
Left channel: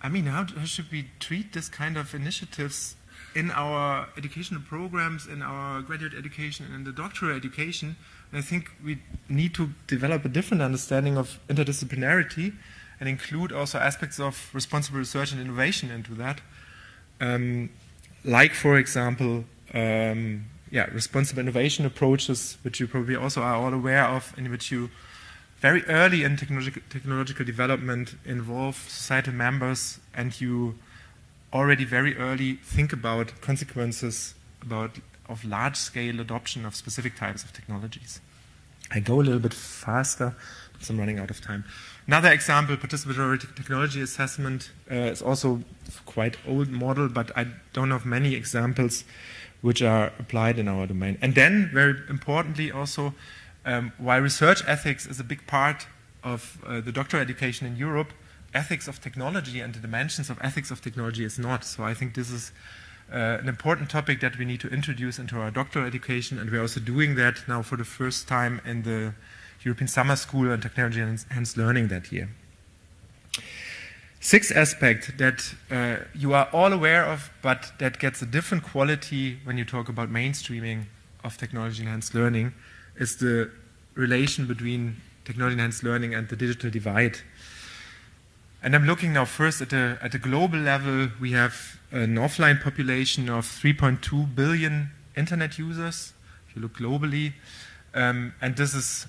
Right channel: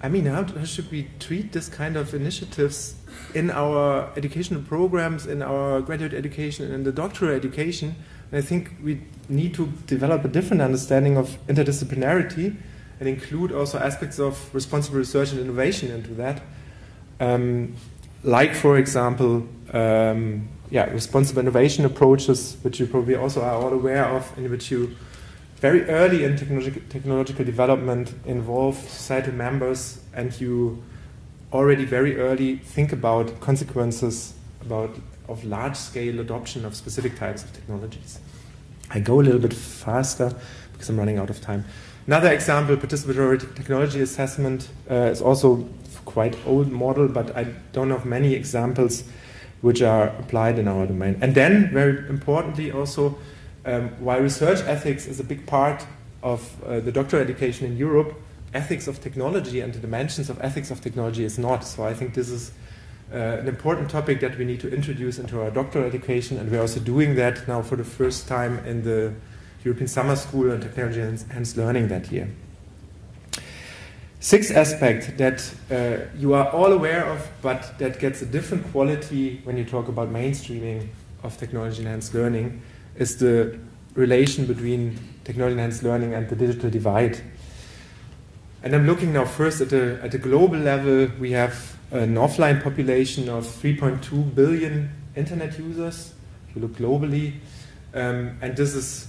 I mean, how should we treat this kind of initiatives in our educational programs, in our graduate education, and in the doctoral education? And I think we need to develop a different understanding of interdisciplinarity and include also aspects of responsible research and innovation into that. Like, for example, responsible innovation approaches, which you probably also are all aware of, in which you very early in technological development involve societal members, and you already very early think about consequences of large-scale adoption of specific types of technologies. I go a little bit faster because I'm running out of time. Another example, participatory technology assessment, is also quite old model, but I don't have many examples which are applied in our domain. And then, very importantly also, while research ethics is a big part of the doctoral education in Europe, ethics of technology and the dimensions of ethics of technology is not. So I think this is an important topic that we need to introduce into our doctoral education, and we're also doing that now for the first time in the European Summer School on Technology and Enhanced Learning that year. Sixth aspect that you are all aware of, but that gets a different quality when you talk about mainstreaming of technology enhanced learning, is the relation between technology enhanced learning and the digital divide. And I'm looking now first at a global level. We have an offline population of 3.2 billion internet users, if you look globally. And this is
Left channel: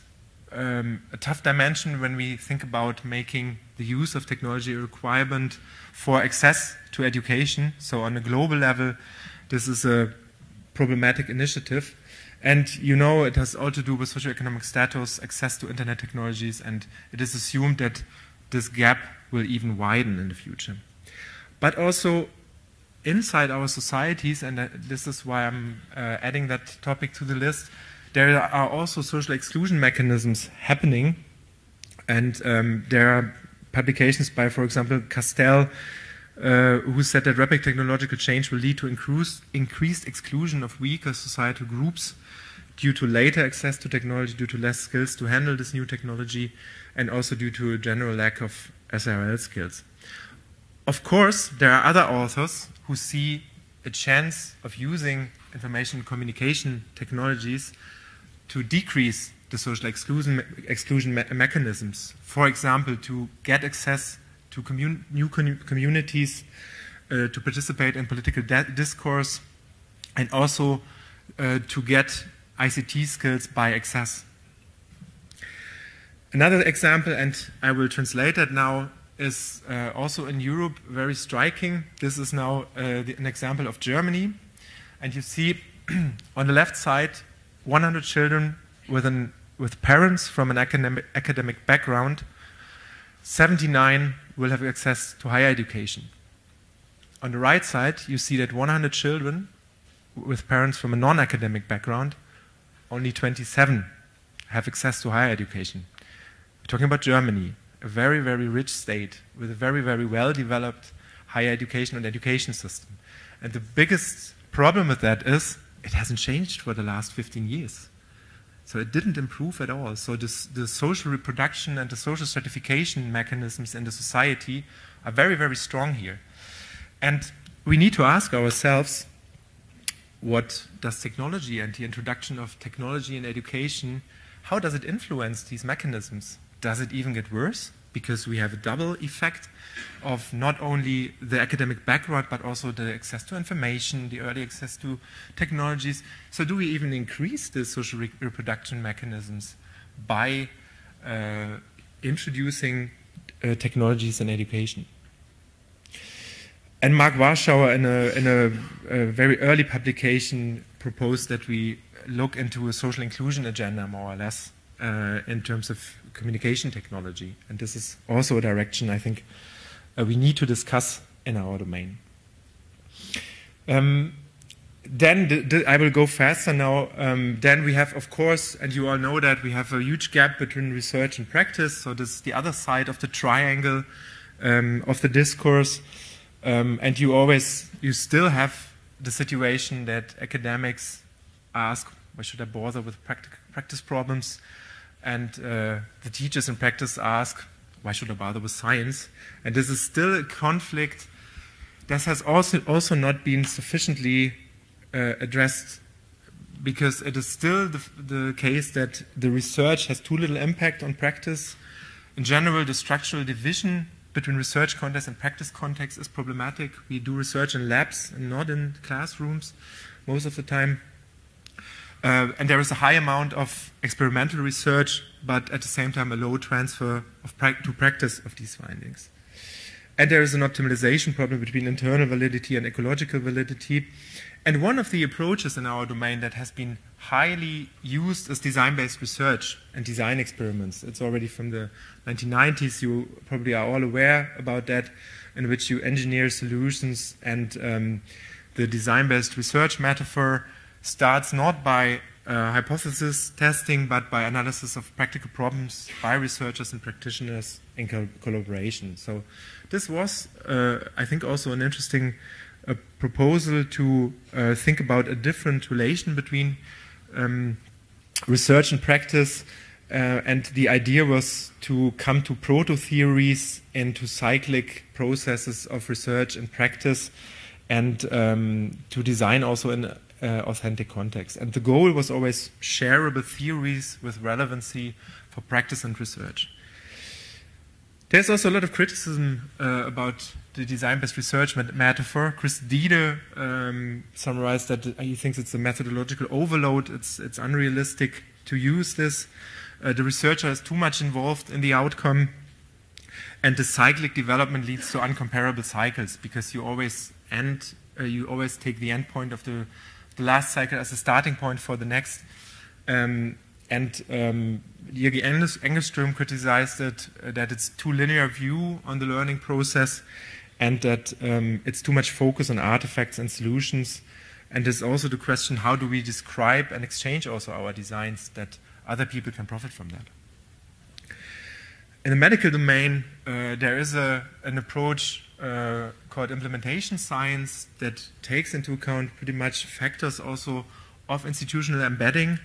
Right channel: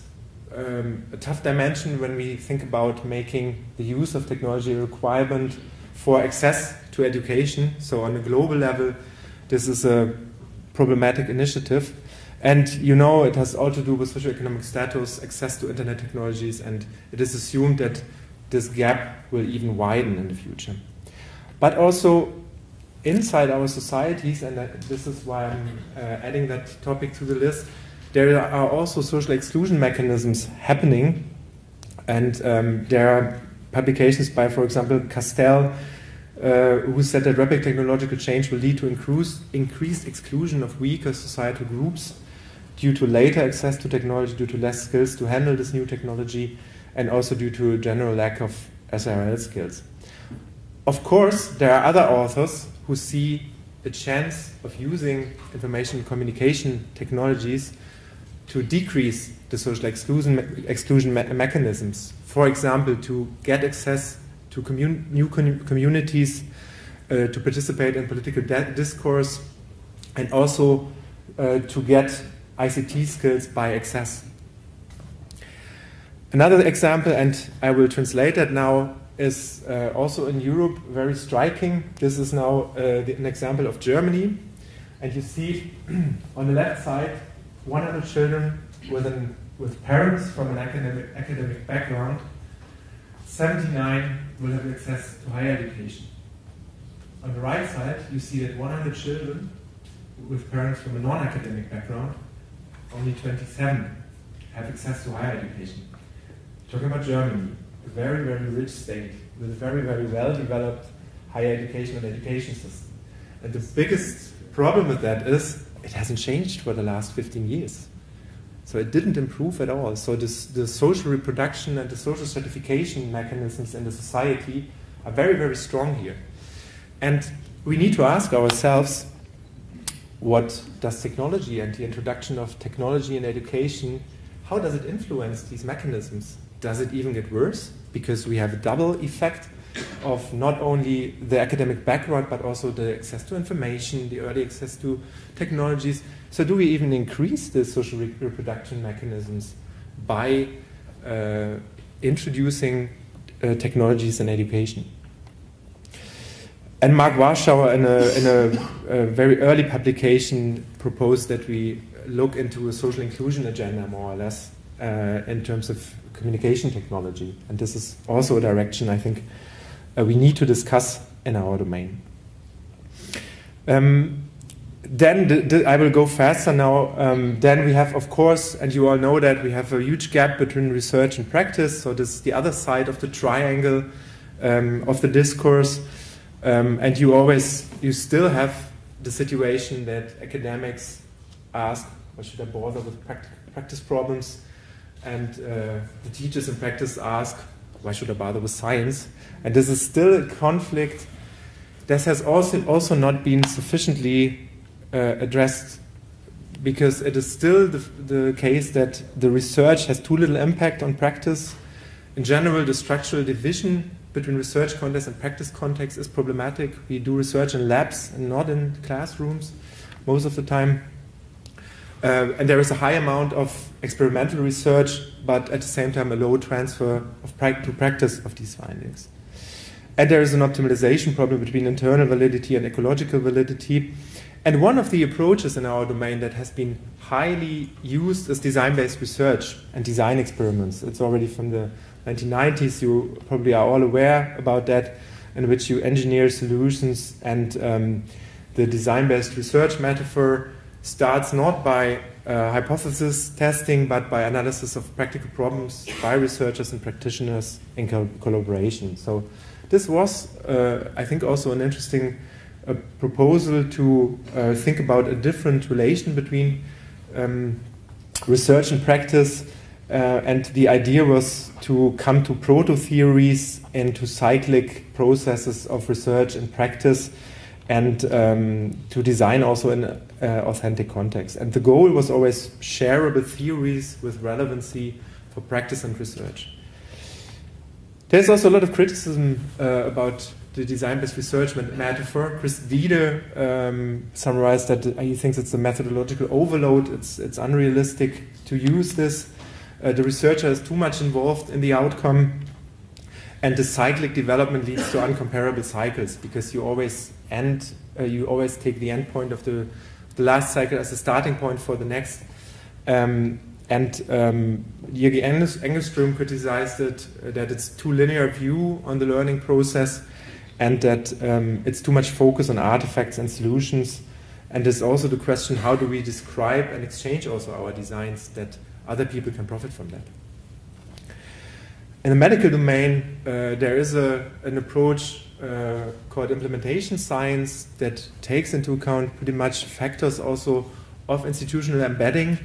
a tough dimension when we think about making the use of technology a requirement for access to education. So on a global level, this is a problematic initiative. And you know, it has all to do with socioeconomic status, access to internet technologies, and it is assumed that this gap will even widen in the future. But also inside our societies, and this is why I'm adding that topic to the list, there are also social exclusion mechanisms happening. And there are publications by, for example, Castell, who said that rapid technological change will lead to increased exclusion of weaker societal groups due to later access to technology, due to less skills to handle this new technology, and also due to a general lack of SRL skills. Of course, there are other authors who see a chance of using information and communication technologies to decrease the social exclusion mechanisms. For example, to get access to new communities, to participate in political discourse, and also to get ICT skills by access. Another example, and I will translate that now, is also in Europe very striking. This is now an example of Germany. And you see on the left side 100 children with parents from an academic background. 79 will have access to higher education. On the right side, you see that 100 children with parents from a non-academic background, only 27 have access to higher education. We're talking about Germany, a very, very rich state with a very, very well-developed higher education and education system. And the biggest problem with that is it hasn't changed for the last 15 years. So it didn't improve at all. So the social reproduction and the social stratification mechanisms in the society are very, very strong here. And we need to ask ourselves, what does technology and the introduction of technology in education, how does it influence these mechanisms? Does it even get worse? Because we have a double effect of not only the academic background, but also the access to information, the early access to technologies. So do we even increase the social reproduction mechanisms by introducing technologies in education? And Mark Warschauer, in a very early publication, proposed that we look into a social inclusion agenda, more or less, in terms of communication technology. And this is also a direction I think we need to discuss in our domain. Then I will go faster now. Then we have, of course, and you all know that we have a huge gap between research and practice. So this is the other side of the triangle of the discourse. And you still have the situation that academics ask, why should I bother with practice problems? And the teachers in practice ask, why should I bother with science? And this is still a conflict that has also not been sufficiently addressed, because it is still the case that the research has too little impact on practice. In general, the structural division between research context and practice context is problematic. We do research in labs and not in classrooms most of the time. And there is a high amount of experimental research, but at the same time a low transfer to practice of these findings. And there is an optimization problem between internal validity and ecological validity. And one of the approaches in our domain that has been highly used is design-based research and design experiments. It's already from the 1990s, you probably are all aware about that, in which you engineer solutions, and the design-based research metaphor starts not by hypothesis testing, but by analysis of practical problems by researchers and practitioners in collaboration. So this was, I think, also an interesting proposal to think about a different relation between research and practice. And the idea was to come to proto-theories and to cyclic processes of research and practice, and to design also in authentic context. And the goal was always shareable theories with relevancy for practice and research. There's also a lot of criticism about the design-based research metaphor. Chris Diede summarized that he thinks it's a methodological overload. It's unrealistic to use this. The researcher is too much involved in the outcome, and the cyclic development leads to uncomparable cycles, because you always take the end point of the last cycle as a starting point for the next. Jürgen Engelström criticized it, that it's too linear view on the learning process, and that it's too much focus on artifacts and solutions. And there's also the question, how do we describe and exchange also our designs that other people can profit from that? In the medical domain, there is an approach called implementation science that takes into account pretty much factors also of institutional embedding,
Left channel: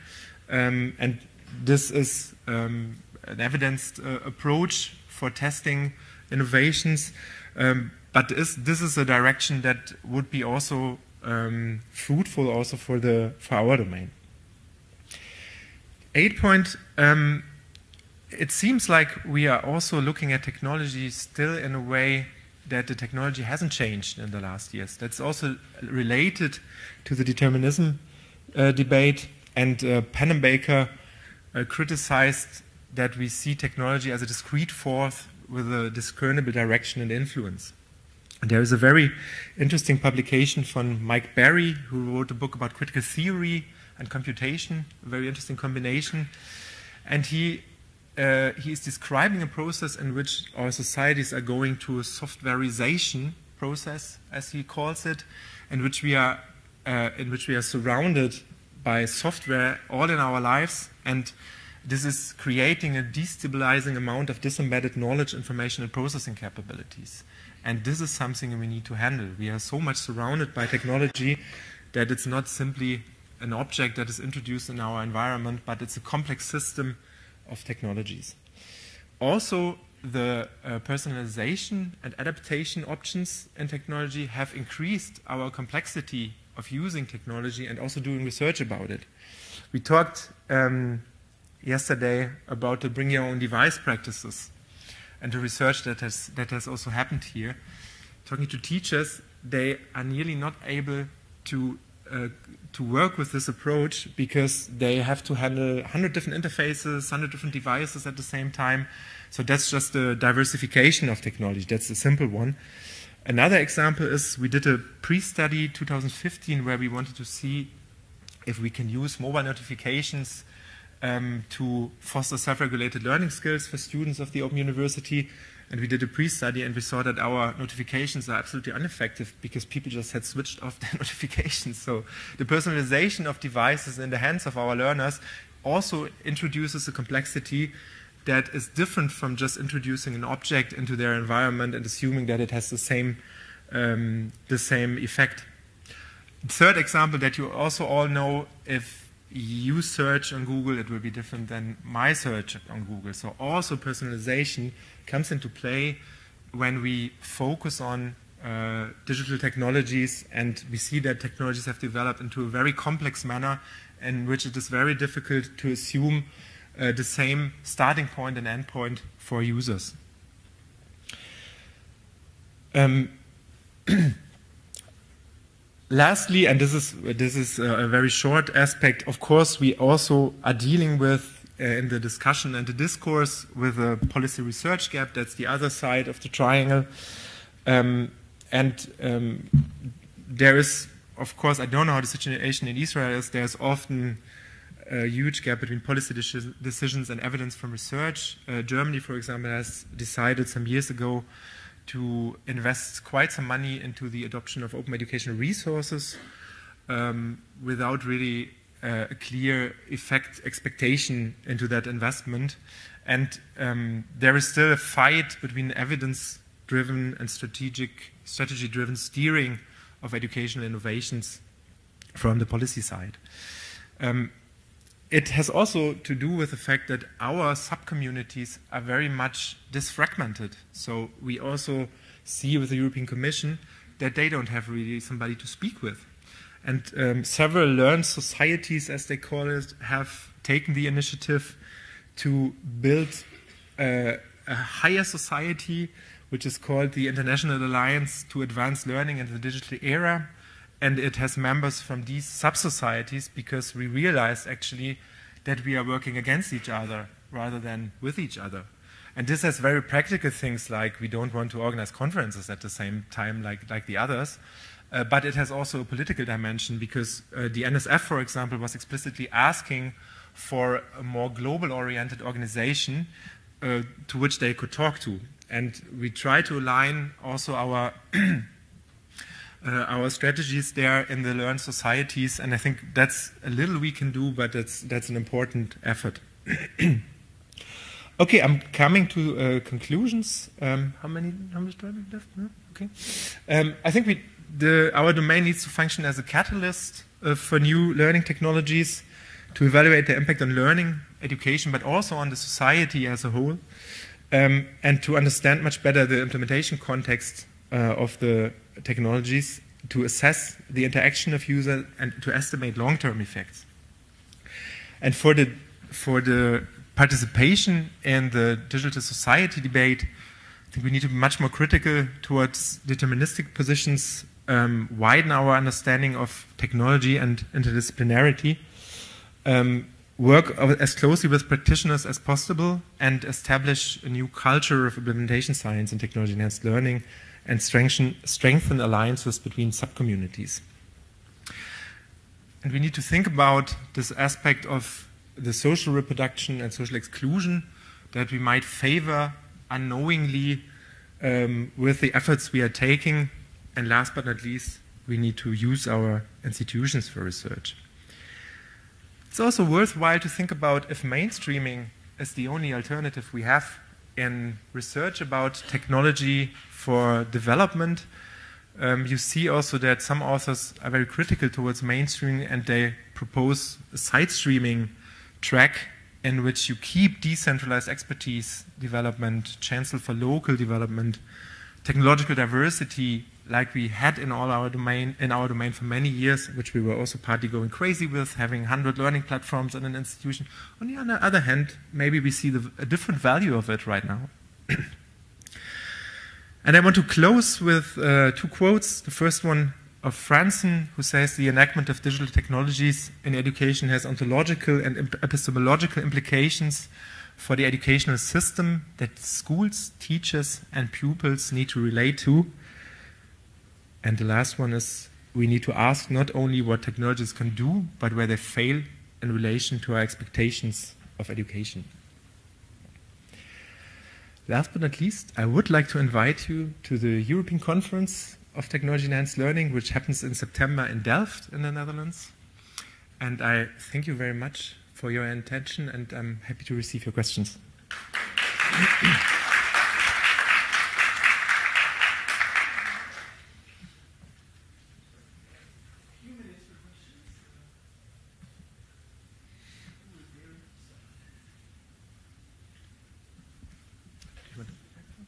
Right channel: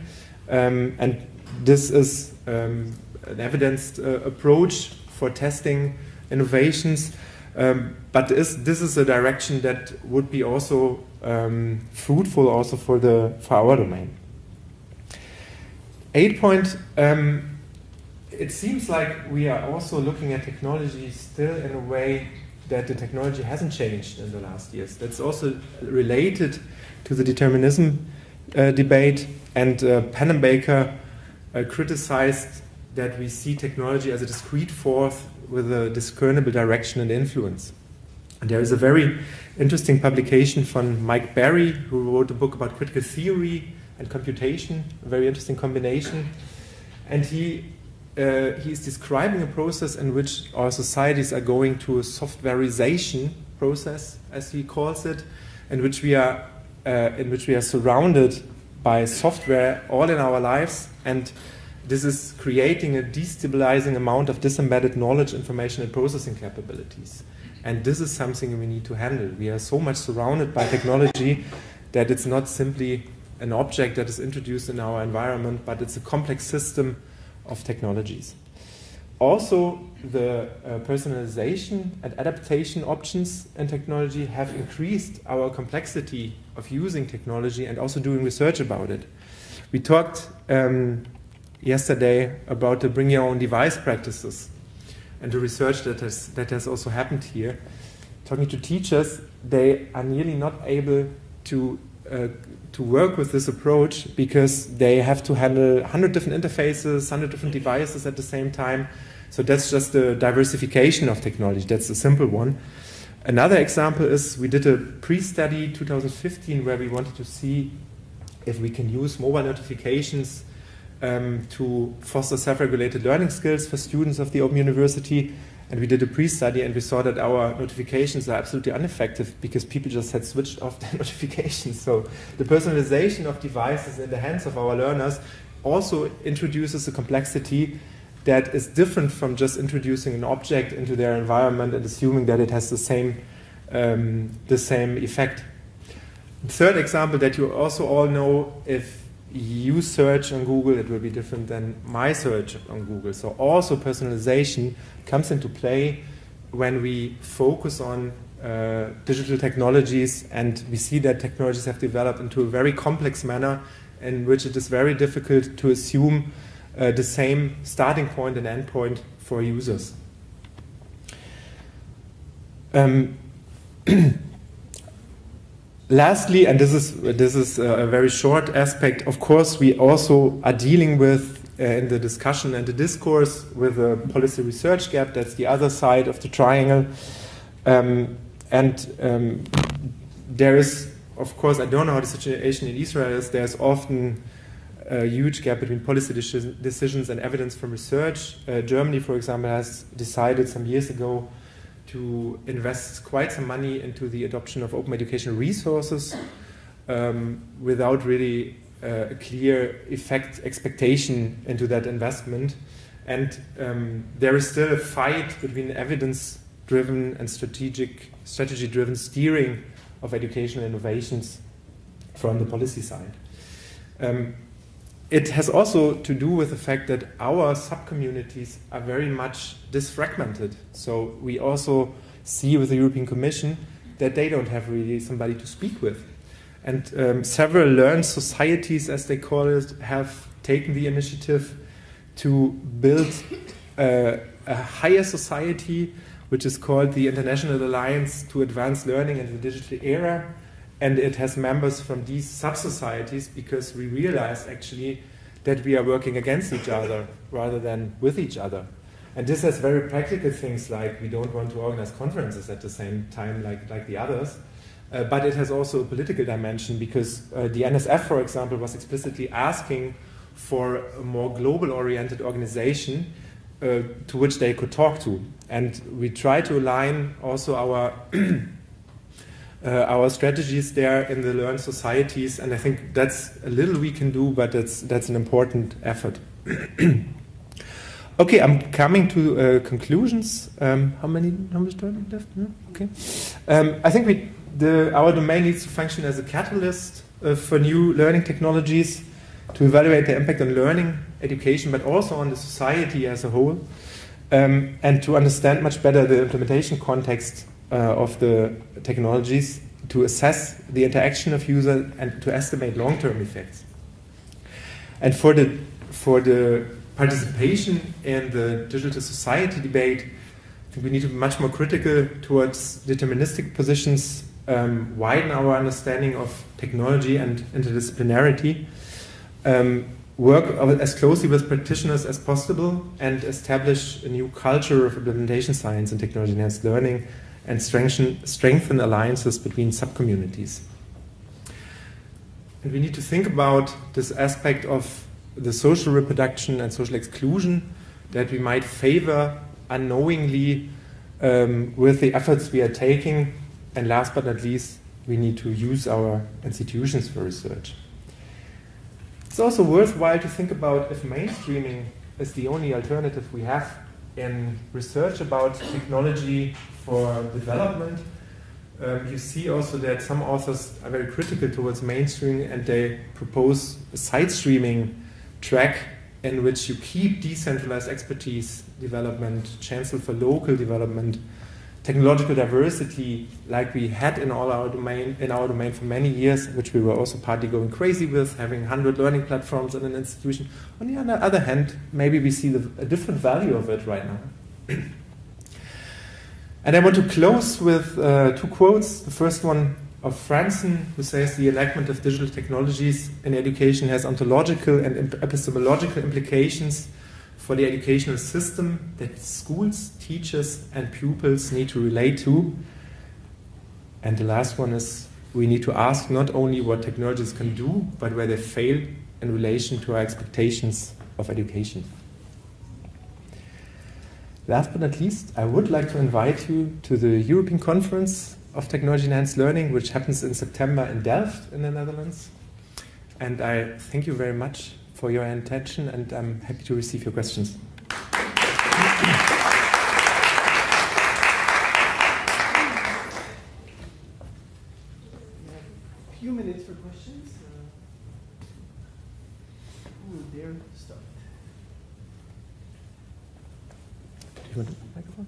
and this is an evidenced approach for testing innovations, but this is a direction that would be also fruitful also for our domain. 8 point, it seems like we are also looking at technology still in a way that the technology hasn't changed in the last years. That's also related to the determinism debate, and Pennebaker criticized that we see technology as a discrete force with a discernible direction and influence. And there is a very interesting publication from Mike Barry, who wrote a book about critical theory and computation, a very interesting combination. And he is describing a process in which our societies are going to a softwareization process, as he calls it, in which we are surrounded by software all in our lives, and this is creating a destabilizing amount of disembedded knowledge, information, and processing capabilities. And this is something we need to handle. We are so much surrounded by technology that it's not simply an object that is introduced in our environment, but it's a complex system of technologies. Also, the personalization and adaptation options in technology have increased our complexity of using technology and also doing research about it. We talked yesterday about the bring your own device practices and the research that has also happened here. Talking to teachers, they are nearly not able to work with this approach because they have to handle 100 different interfaces, 100 different devices at the same time. So that's just a diversification of technology. That's a simple one. Another example is we did a pre-study 2015 where we wanted to see if we can use mobile notifications to foster self-regulated learning skills for students of the Open University. And we did a pre-study and we saw that our notifications are absolutely ineffective because people just had switched off their notifications. So the personalization of devices in the hands of our learners also introduces a complexity that is different from just introducing an object into their environment and assuming that it has the same effect. The third example that you also all know, if you search on Google, it will be different than my search on Google. So also personalization comes into play when we focus on digital technologies, and we see that technologies have developed into a very complex manner in which it is very difficult to assume the same starting point and end point for users. Lastly, and this is a very short aspect, of course, we also are dealing with, in the discussion and the discourse, with a policy research gap. That's the other side of the triangle. There is, of course, I don't know how the situation in Israel is, there's often a huge gap between policy decisions and evidence from research. Germany, for example, has decided some years ago to invest quite some money into the adoption of open educational resources without really a clear expectation into that investment. And there is still a fight between evidence-driven and strategy-driven steering of educational innovations from the policy side. It has also to do with the fact that our sub-communities are very much disfragmented. So we also see with the European Commission that they don't have really somebody to speak with. And several learned societies, as they call it, have taken the initiative to build a higher society, which is called the International Alliance to Advance Learning in the Digital Era. And it has members from these sub-societies because we realized actually that we are working against each other rather than with each other. And this has very practical things like we don't want to organize conferences at the same time like the others. But it has also a political dimension because the NSF, for example, was explicitly asking for a more global-oriented organization to which they could talk to. And we try to align also our strategies there in the learned societies, and I think that's a little we can do, but that's an important effort. Okay, I'm coming to conclusions. How much time left? No? Okay. I think our domain needs to function as a catalyst for new learning technologies to evaluate their impact on learning, education, but also on the society as a whole, and to understand much better the implementation context of the technologies, to assess the interaction of users, and to estimate long-term effects. And for the participation in the digital society debate, I think we need to be much more critical towards deterministic positions, widen our understanding of technology and interdisciplinarity, work as closely with practitioners as possible, and establish a new culture of implementation science and technology-enhanced learning, and strengthen alliances between subcommunities. And we need to think about this aspect of the social reproduction and social exclusion that we might favor unknowingly with the efforts we are taking. And last but not least, we need to use our institutions for research. It's also worthwhile to think about if mainstreaming is the only alternative we have in research about technology for development. You see also that some authors are very critical towards mainstreaming, and they propose a side streaming track in which you keep decentralized expertise development, chancel for local development, technological diversity, like we had in our domain for many years, which we were also partly going crazy with, having 100 learning platforms in an institution. On the other hand, maybe we see a different value of it right now. And I want to close with two quotes. The first one of Franzen, who says the enactment of digital technologies in education has ontological and epistemological implications for the educational system that schools, teachers, and pupils need to relate to. And the last one is, we need to ask not only what technologies can do, but where they fail in relation to our expectations of education. Last but not least, I would like to invite you to the European Conference of Technology-Enhanced Learning, which happens in September in Delft in the Netherlands. And I thank you very much for your attention, and I'm happy to receive your questions. A few minutes for questions. Who will dare start? Do you want the microphone?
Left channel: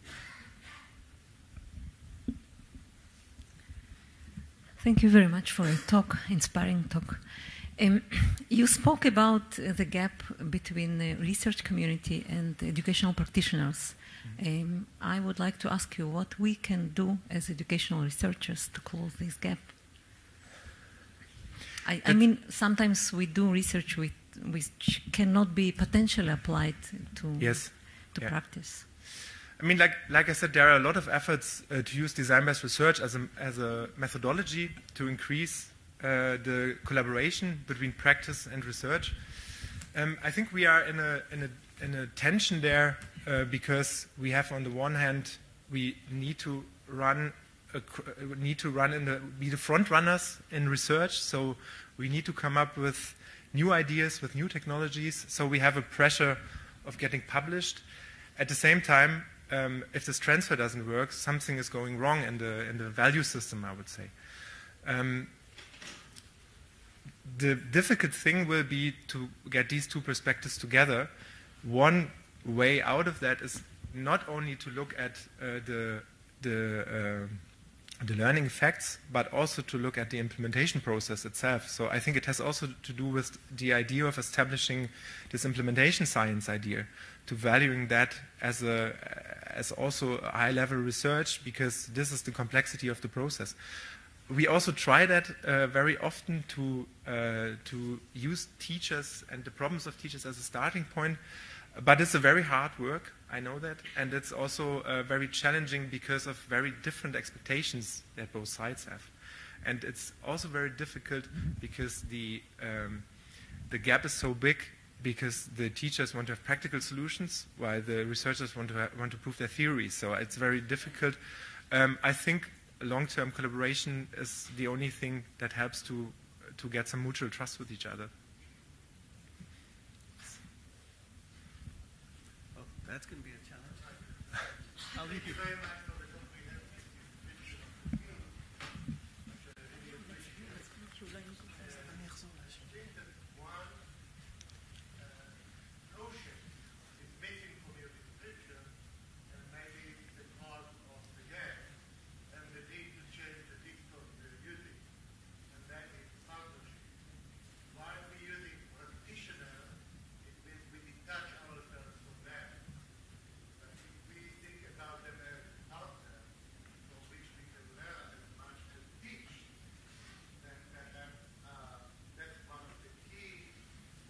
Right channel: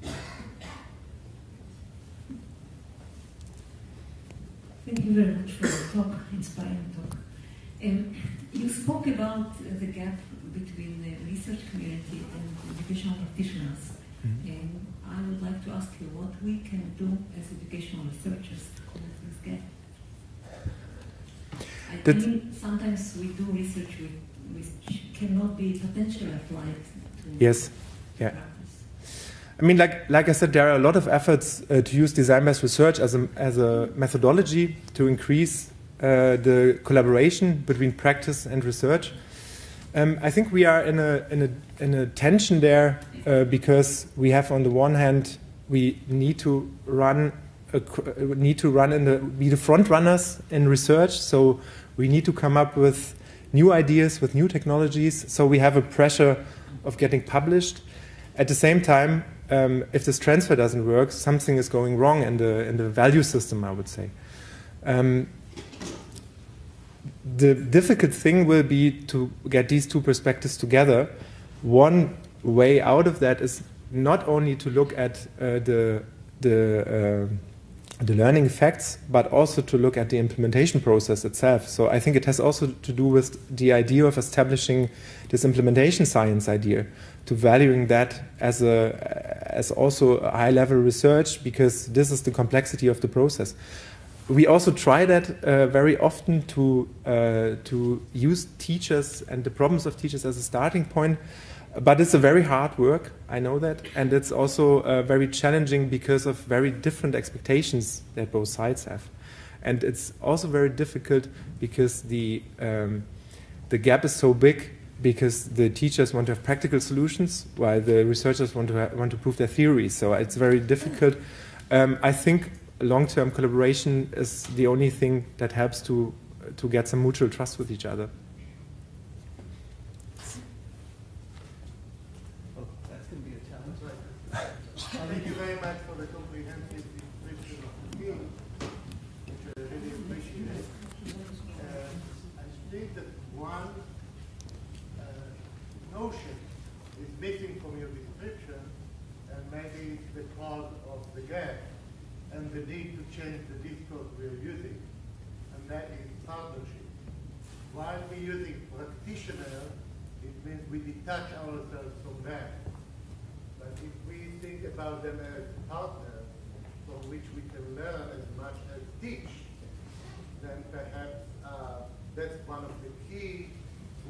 Thank you very much for the talk, inspiring talk. You spoke about the gap between the research community and the educational practitioners. I would like to ask you what we can do as educational researchers to close this gap. I mean, sometimes we do research which cannot be potentially applied to practice. I mean, like I said, there are a lot of efforts to use design-based research as a methodology to increase the collaboration between practice and research. I think we are in a tension there because we have, on the one hand, we need to be the front runners in research. So we need to come up with new ideas, with new technologies. So we have a pressure of getting published. At the same time, if this transfer doesn't work, something is going wrong in the value system, I would say. The difficult thing will be to get these two perspectives together. One way out of that is not only to look at the learning effects, but also to look at the implementation process itself. So I think it has also to do with the idea of establishing this implementation science idea, to valuing that as also a high-level research, because this is the complexity of the process. We also try that very often to use teachers and the problems of teachers as a starting point, but it's a very hard work, I know that, and it's also very challenging because of very different expectations that both sides have. And it's also very difficult because the gap is so big, because the teachers want to have practical solutions while the researchers want to prove their theories. So it's very difficult. I think long-term collaboration is the only thing that helps to get some mutual trust with each other. Thank you very much for the comprehensive description of the field, which I really appreciate. I think that one notion is missing from your description, and maybe it's the cause of the gap and the need to change the discourse we're using, and that is partnership. While we're using practitioner, it means we detach ourselves from that. But if we think about them as partners from which we can learn as much as teach, then perhaps that's one of the key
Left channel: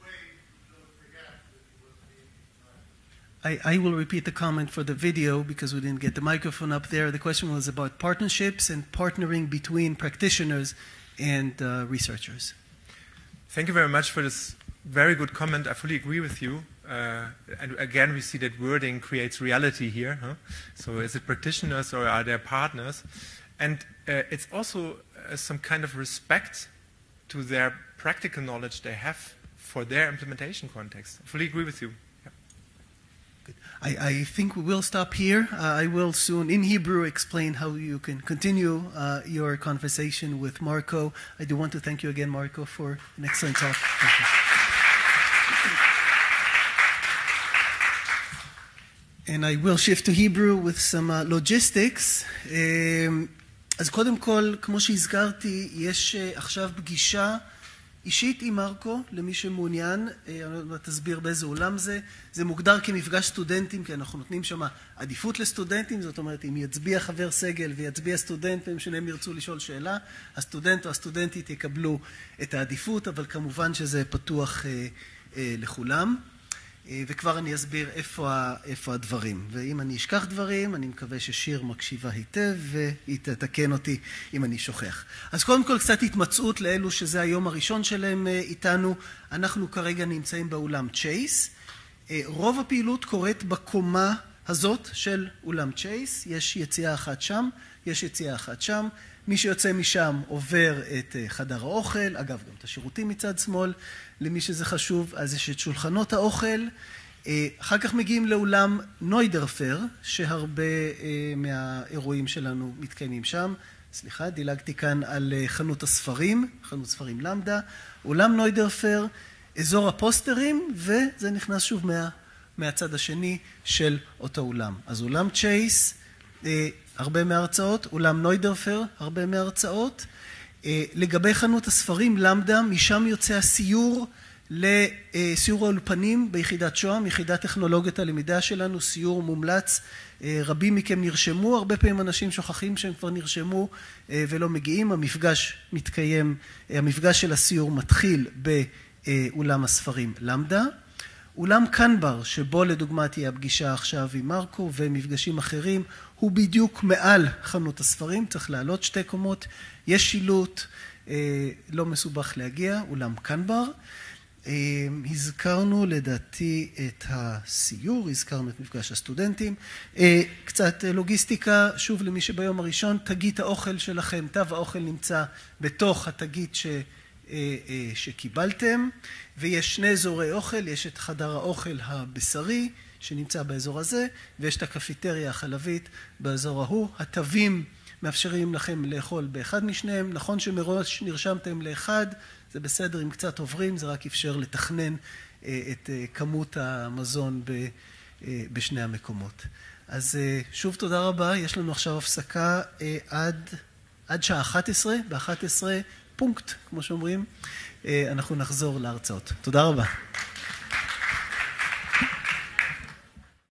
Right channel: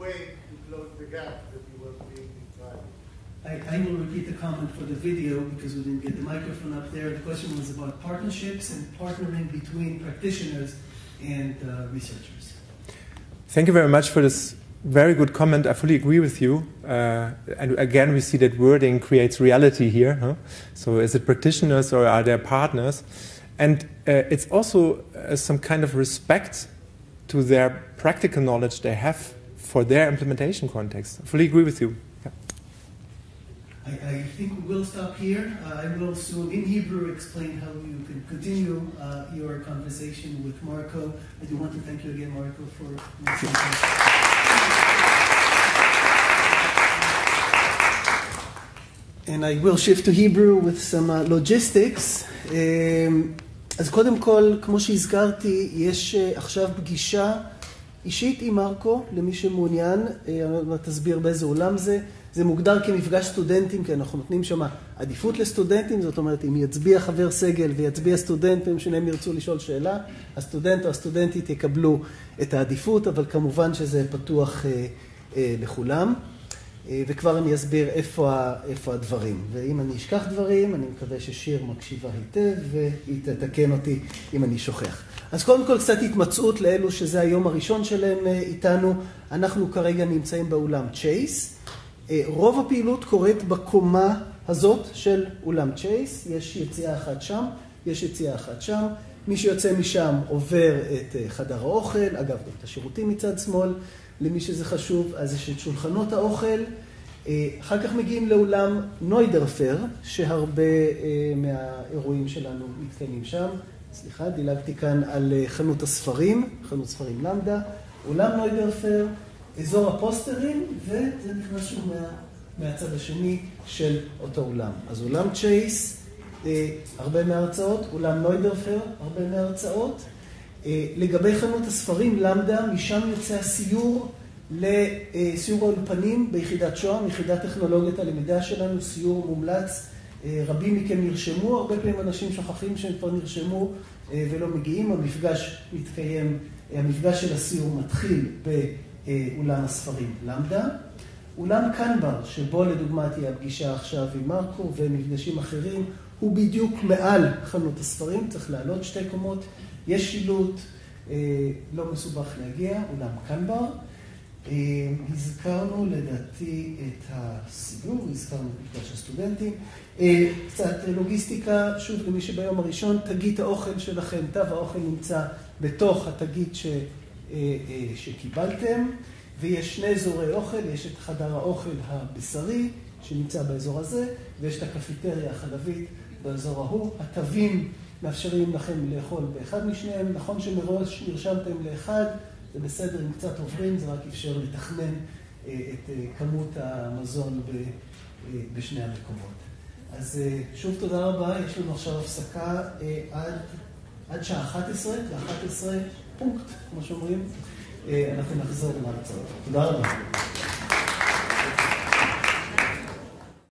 ways to close the gap that you were being described. I will repeat the comment for the video because we didn't get the microphone up there. The question was about partnerships and partnering between practitioners and researchers. Thank you very much for this very good comment. I fully agree with you. And again, we see that wording creates reality here. Huh? So is it practitioners or are there partners? And it's also some kind of respect to their practical knowledge they have for their implementation context. I fully agree with you. I think we will stop here. I will soon, in Hebrew, explain how you can continue your conversation with Marco. I do want to thank you again, Marco, for an excellent talk. And I will shift to Hebrew with some logistics. אז קודם כל, כמו שהזכרתי, יש עכשיו פגישה אישית עם מרקו, למי שמעוניין, תסביר באיזה עולם זה. זה מוגדר כמפגש סטודנטים, כי אנחנו נותנים שם עדיפות לסטודנטים, זאת אומרת, אם יצביע חבר סגל ויצביע סטודנט, והם שניהם ירצו לשאול שאלה, הסטודנט או הסטודנטית יקבלו את העדיפות, אבל כמובן שזה פתוח לכולם. וכבר אני אסביר איפה הדברים. ואם אני אשכח דברים, אני מקווה ששיר מקשיבה היטב, והיא תתקן אותי אם אני שוכח. אז קודם כל קצת התמצאות לאלו שזה היום הראשון שלהם איתנו. אנחנו כרגע נמצאים באולם צ'ייס. רוב הפעילות קורית בקומה הזאת של אולם צ'ייס. יש יציאה אחת שם, יש יציאה אחת שם. מי שיוצא משם עובר את חדר האוכל, אגב גם את השירותים מצד שמאל. למי שזה חשוב, אז יש את שולחנות האוכל. אחר כך מגיעים לאולם נוידרפר, שהרבה מהאירועים שלנו מתקיימים שם. סליחה, דילגתי כאן על חנות הספרים, חנות ספרים למדה. אולם נוידרפר, אזור הפוסטרים, וזה נכנס שוב מהצד השני של אותו אולם. אז אולם צ'ייס, הרבה מההרצאות, אולם נוידרפר, הרבה מההרצאות. לגבי חנות הספרים למדה, משם יוצא הסיור לסיור האולפנים ביחידת שוהם, יחידת טכנולוגיות הלמידה שלנו, סיור מומלץ. רבים מכם נרשמו, הרבה פעמים אנשים שוכחים שהם כבר נרשמו ולא מגיעים. המפגש מתקיים, המפגש של הסיור מתחיל באולם הספרים למדה. אולם קנבר, שבו לדוגמה תהיה הפגישה עכשיו עם מרקו ומפגשים אחרים, הוא בדיוק מעל חנות הספרים, צריך לעלות 2 קומות. יש שילוט, לא מסובך להגיע, אולם קנבר. הזכרנו לדעתי את הסיור, הזכרנו את מפגש הסטודנטים. קצת לוגיסטיקה, שוב למי שביום הראשון, תגית האוכל שלכם, תו האוכל נמצא בתוך התגית שקיבלתם. ויש 2 אזורי אוכל, יש את חדר האוכל הבשרי שנמצא באזור הזה, ויש את הקפיטריה החלבית באזור ההוא. התווים מאפשרים לכם לאכול באחד משניהם. נכון שמראש נרשמתם לאחד, זה בסדר אם קצת עוברים, זה רק אפשר לתכנן את כמות המזון בשני המקומות. אז שוב תודה רבה, יש לנו עכשיו הפסקה עד שעה 11, ב-11 פונקט, כמו שאומרים, אנחנו נחזור להרצאות. תודה רבה.